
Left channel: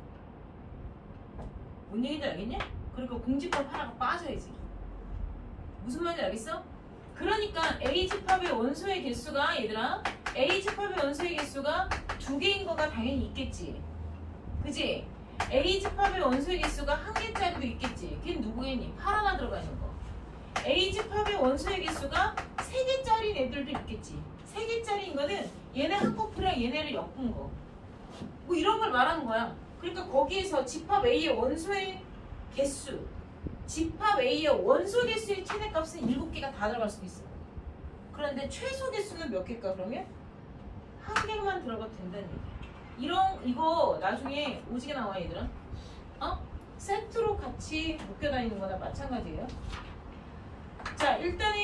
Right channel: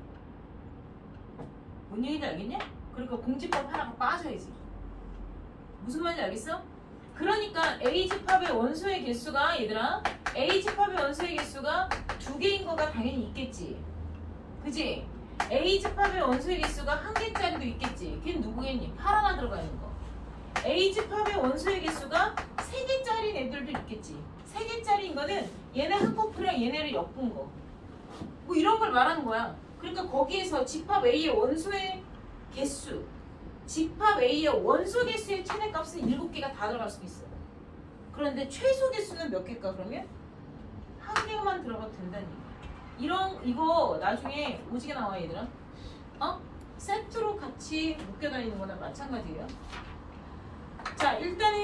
뭔 얘기인지 알겠냐? 그러니까 공집합 하나가 빠져야지. 무슨 말인지 알겠어? 그러니까 A 집합의 원소의 개수가 얘들아 A 집합의 원소의 개수가 2개인 거가 당연히 있겠지. 그지? A 집합의 원소의 개수가 1개짜리도 있겠지. 걔는 누구겠니? 8 하나 들어가 있는 거. A 집합의 원소의 개수가 3개짜리인 애들도 있겠지. 3개짜리인 거는 얘네 한 커플이랑 얘네를 엮은 거. 뭐 이런 걸 말하는 거야. 그러니까 거기에서 집합 A의 원소의 개수, 집합 A의 원소 개수의 최대값은 7개가 다 들어갈 수도 있어. 그런데 최소 개수는 몇 개일까 그러면? 한 개만 들어가도 된다는 얘기야. 이거 나중에 오지게 나와 얘들아. 세트로 같이 묶여 다니는 거나 마찬가지예요. 자, 일단은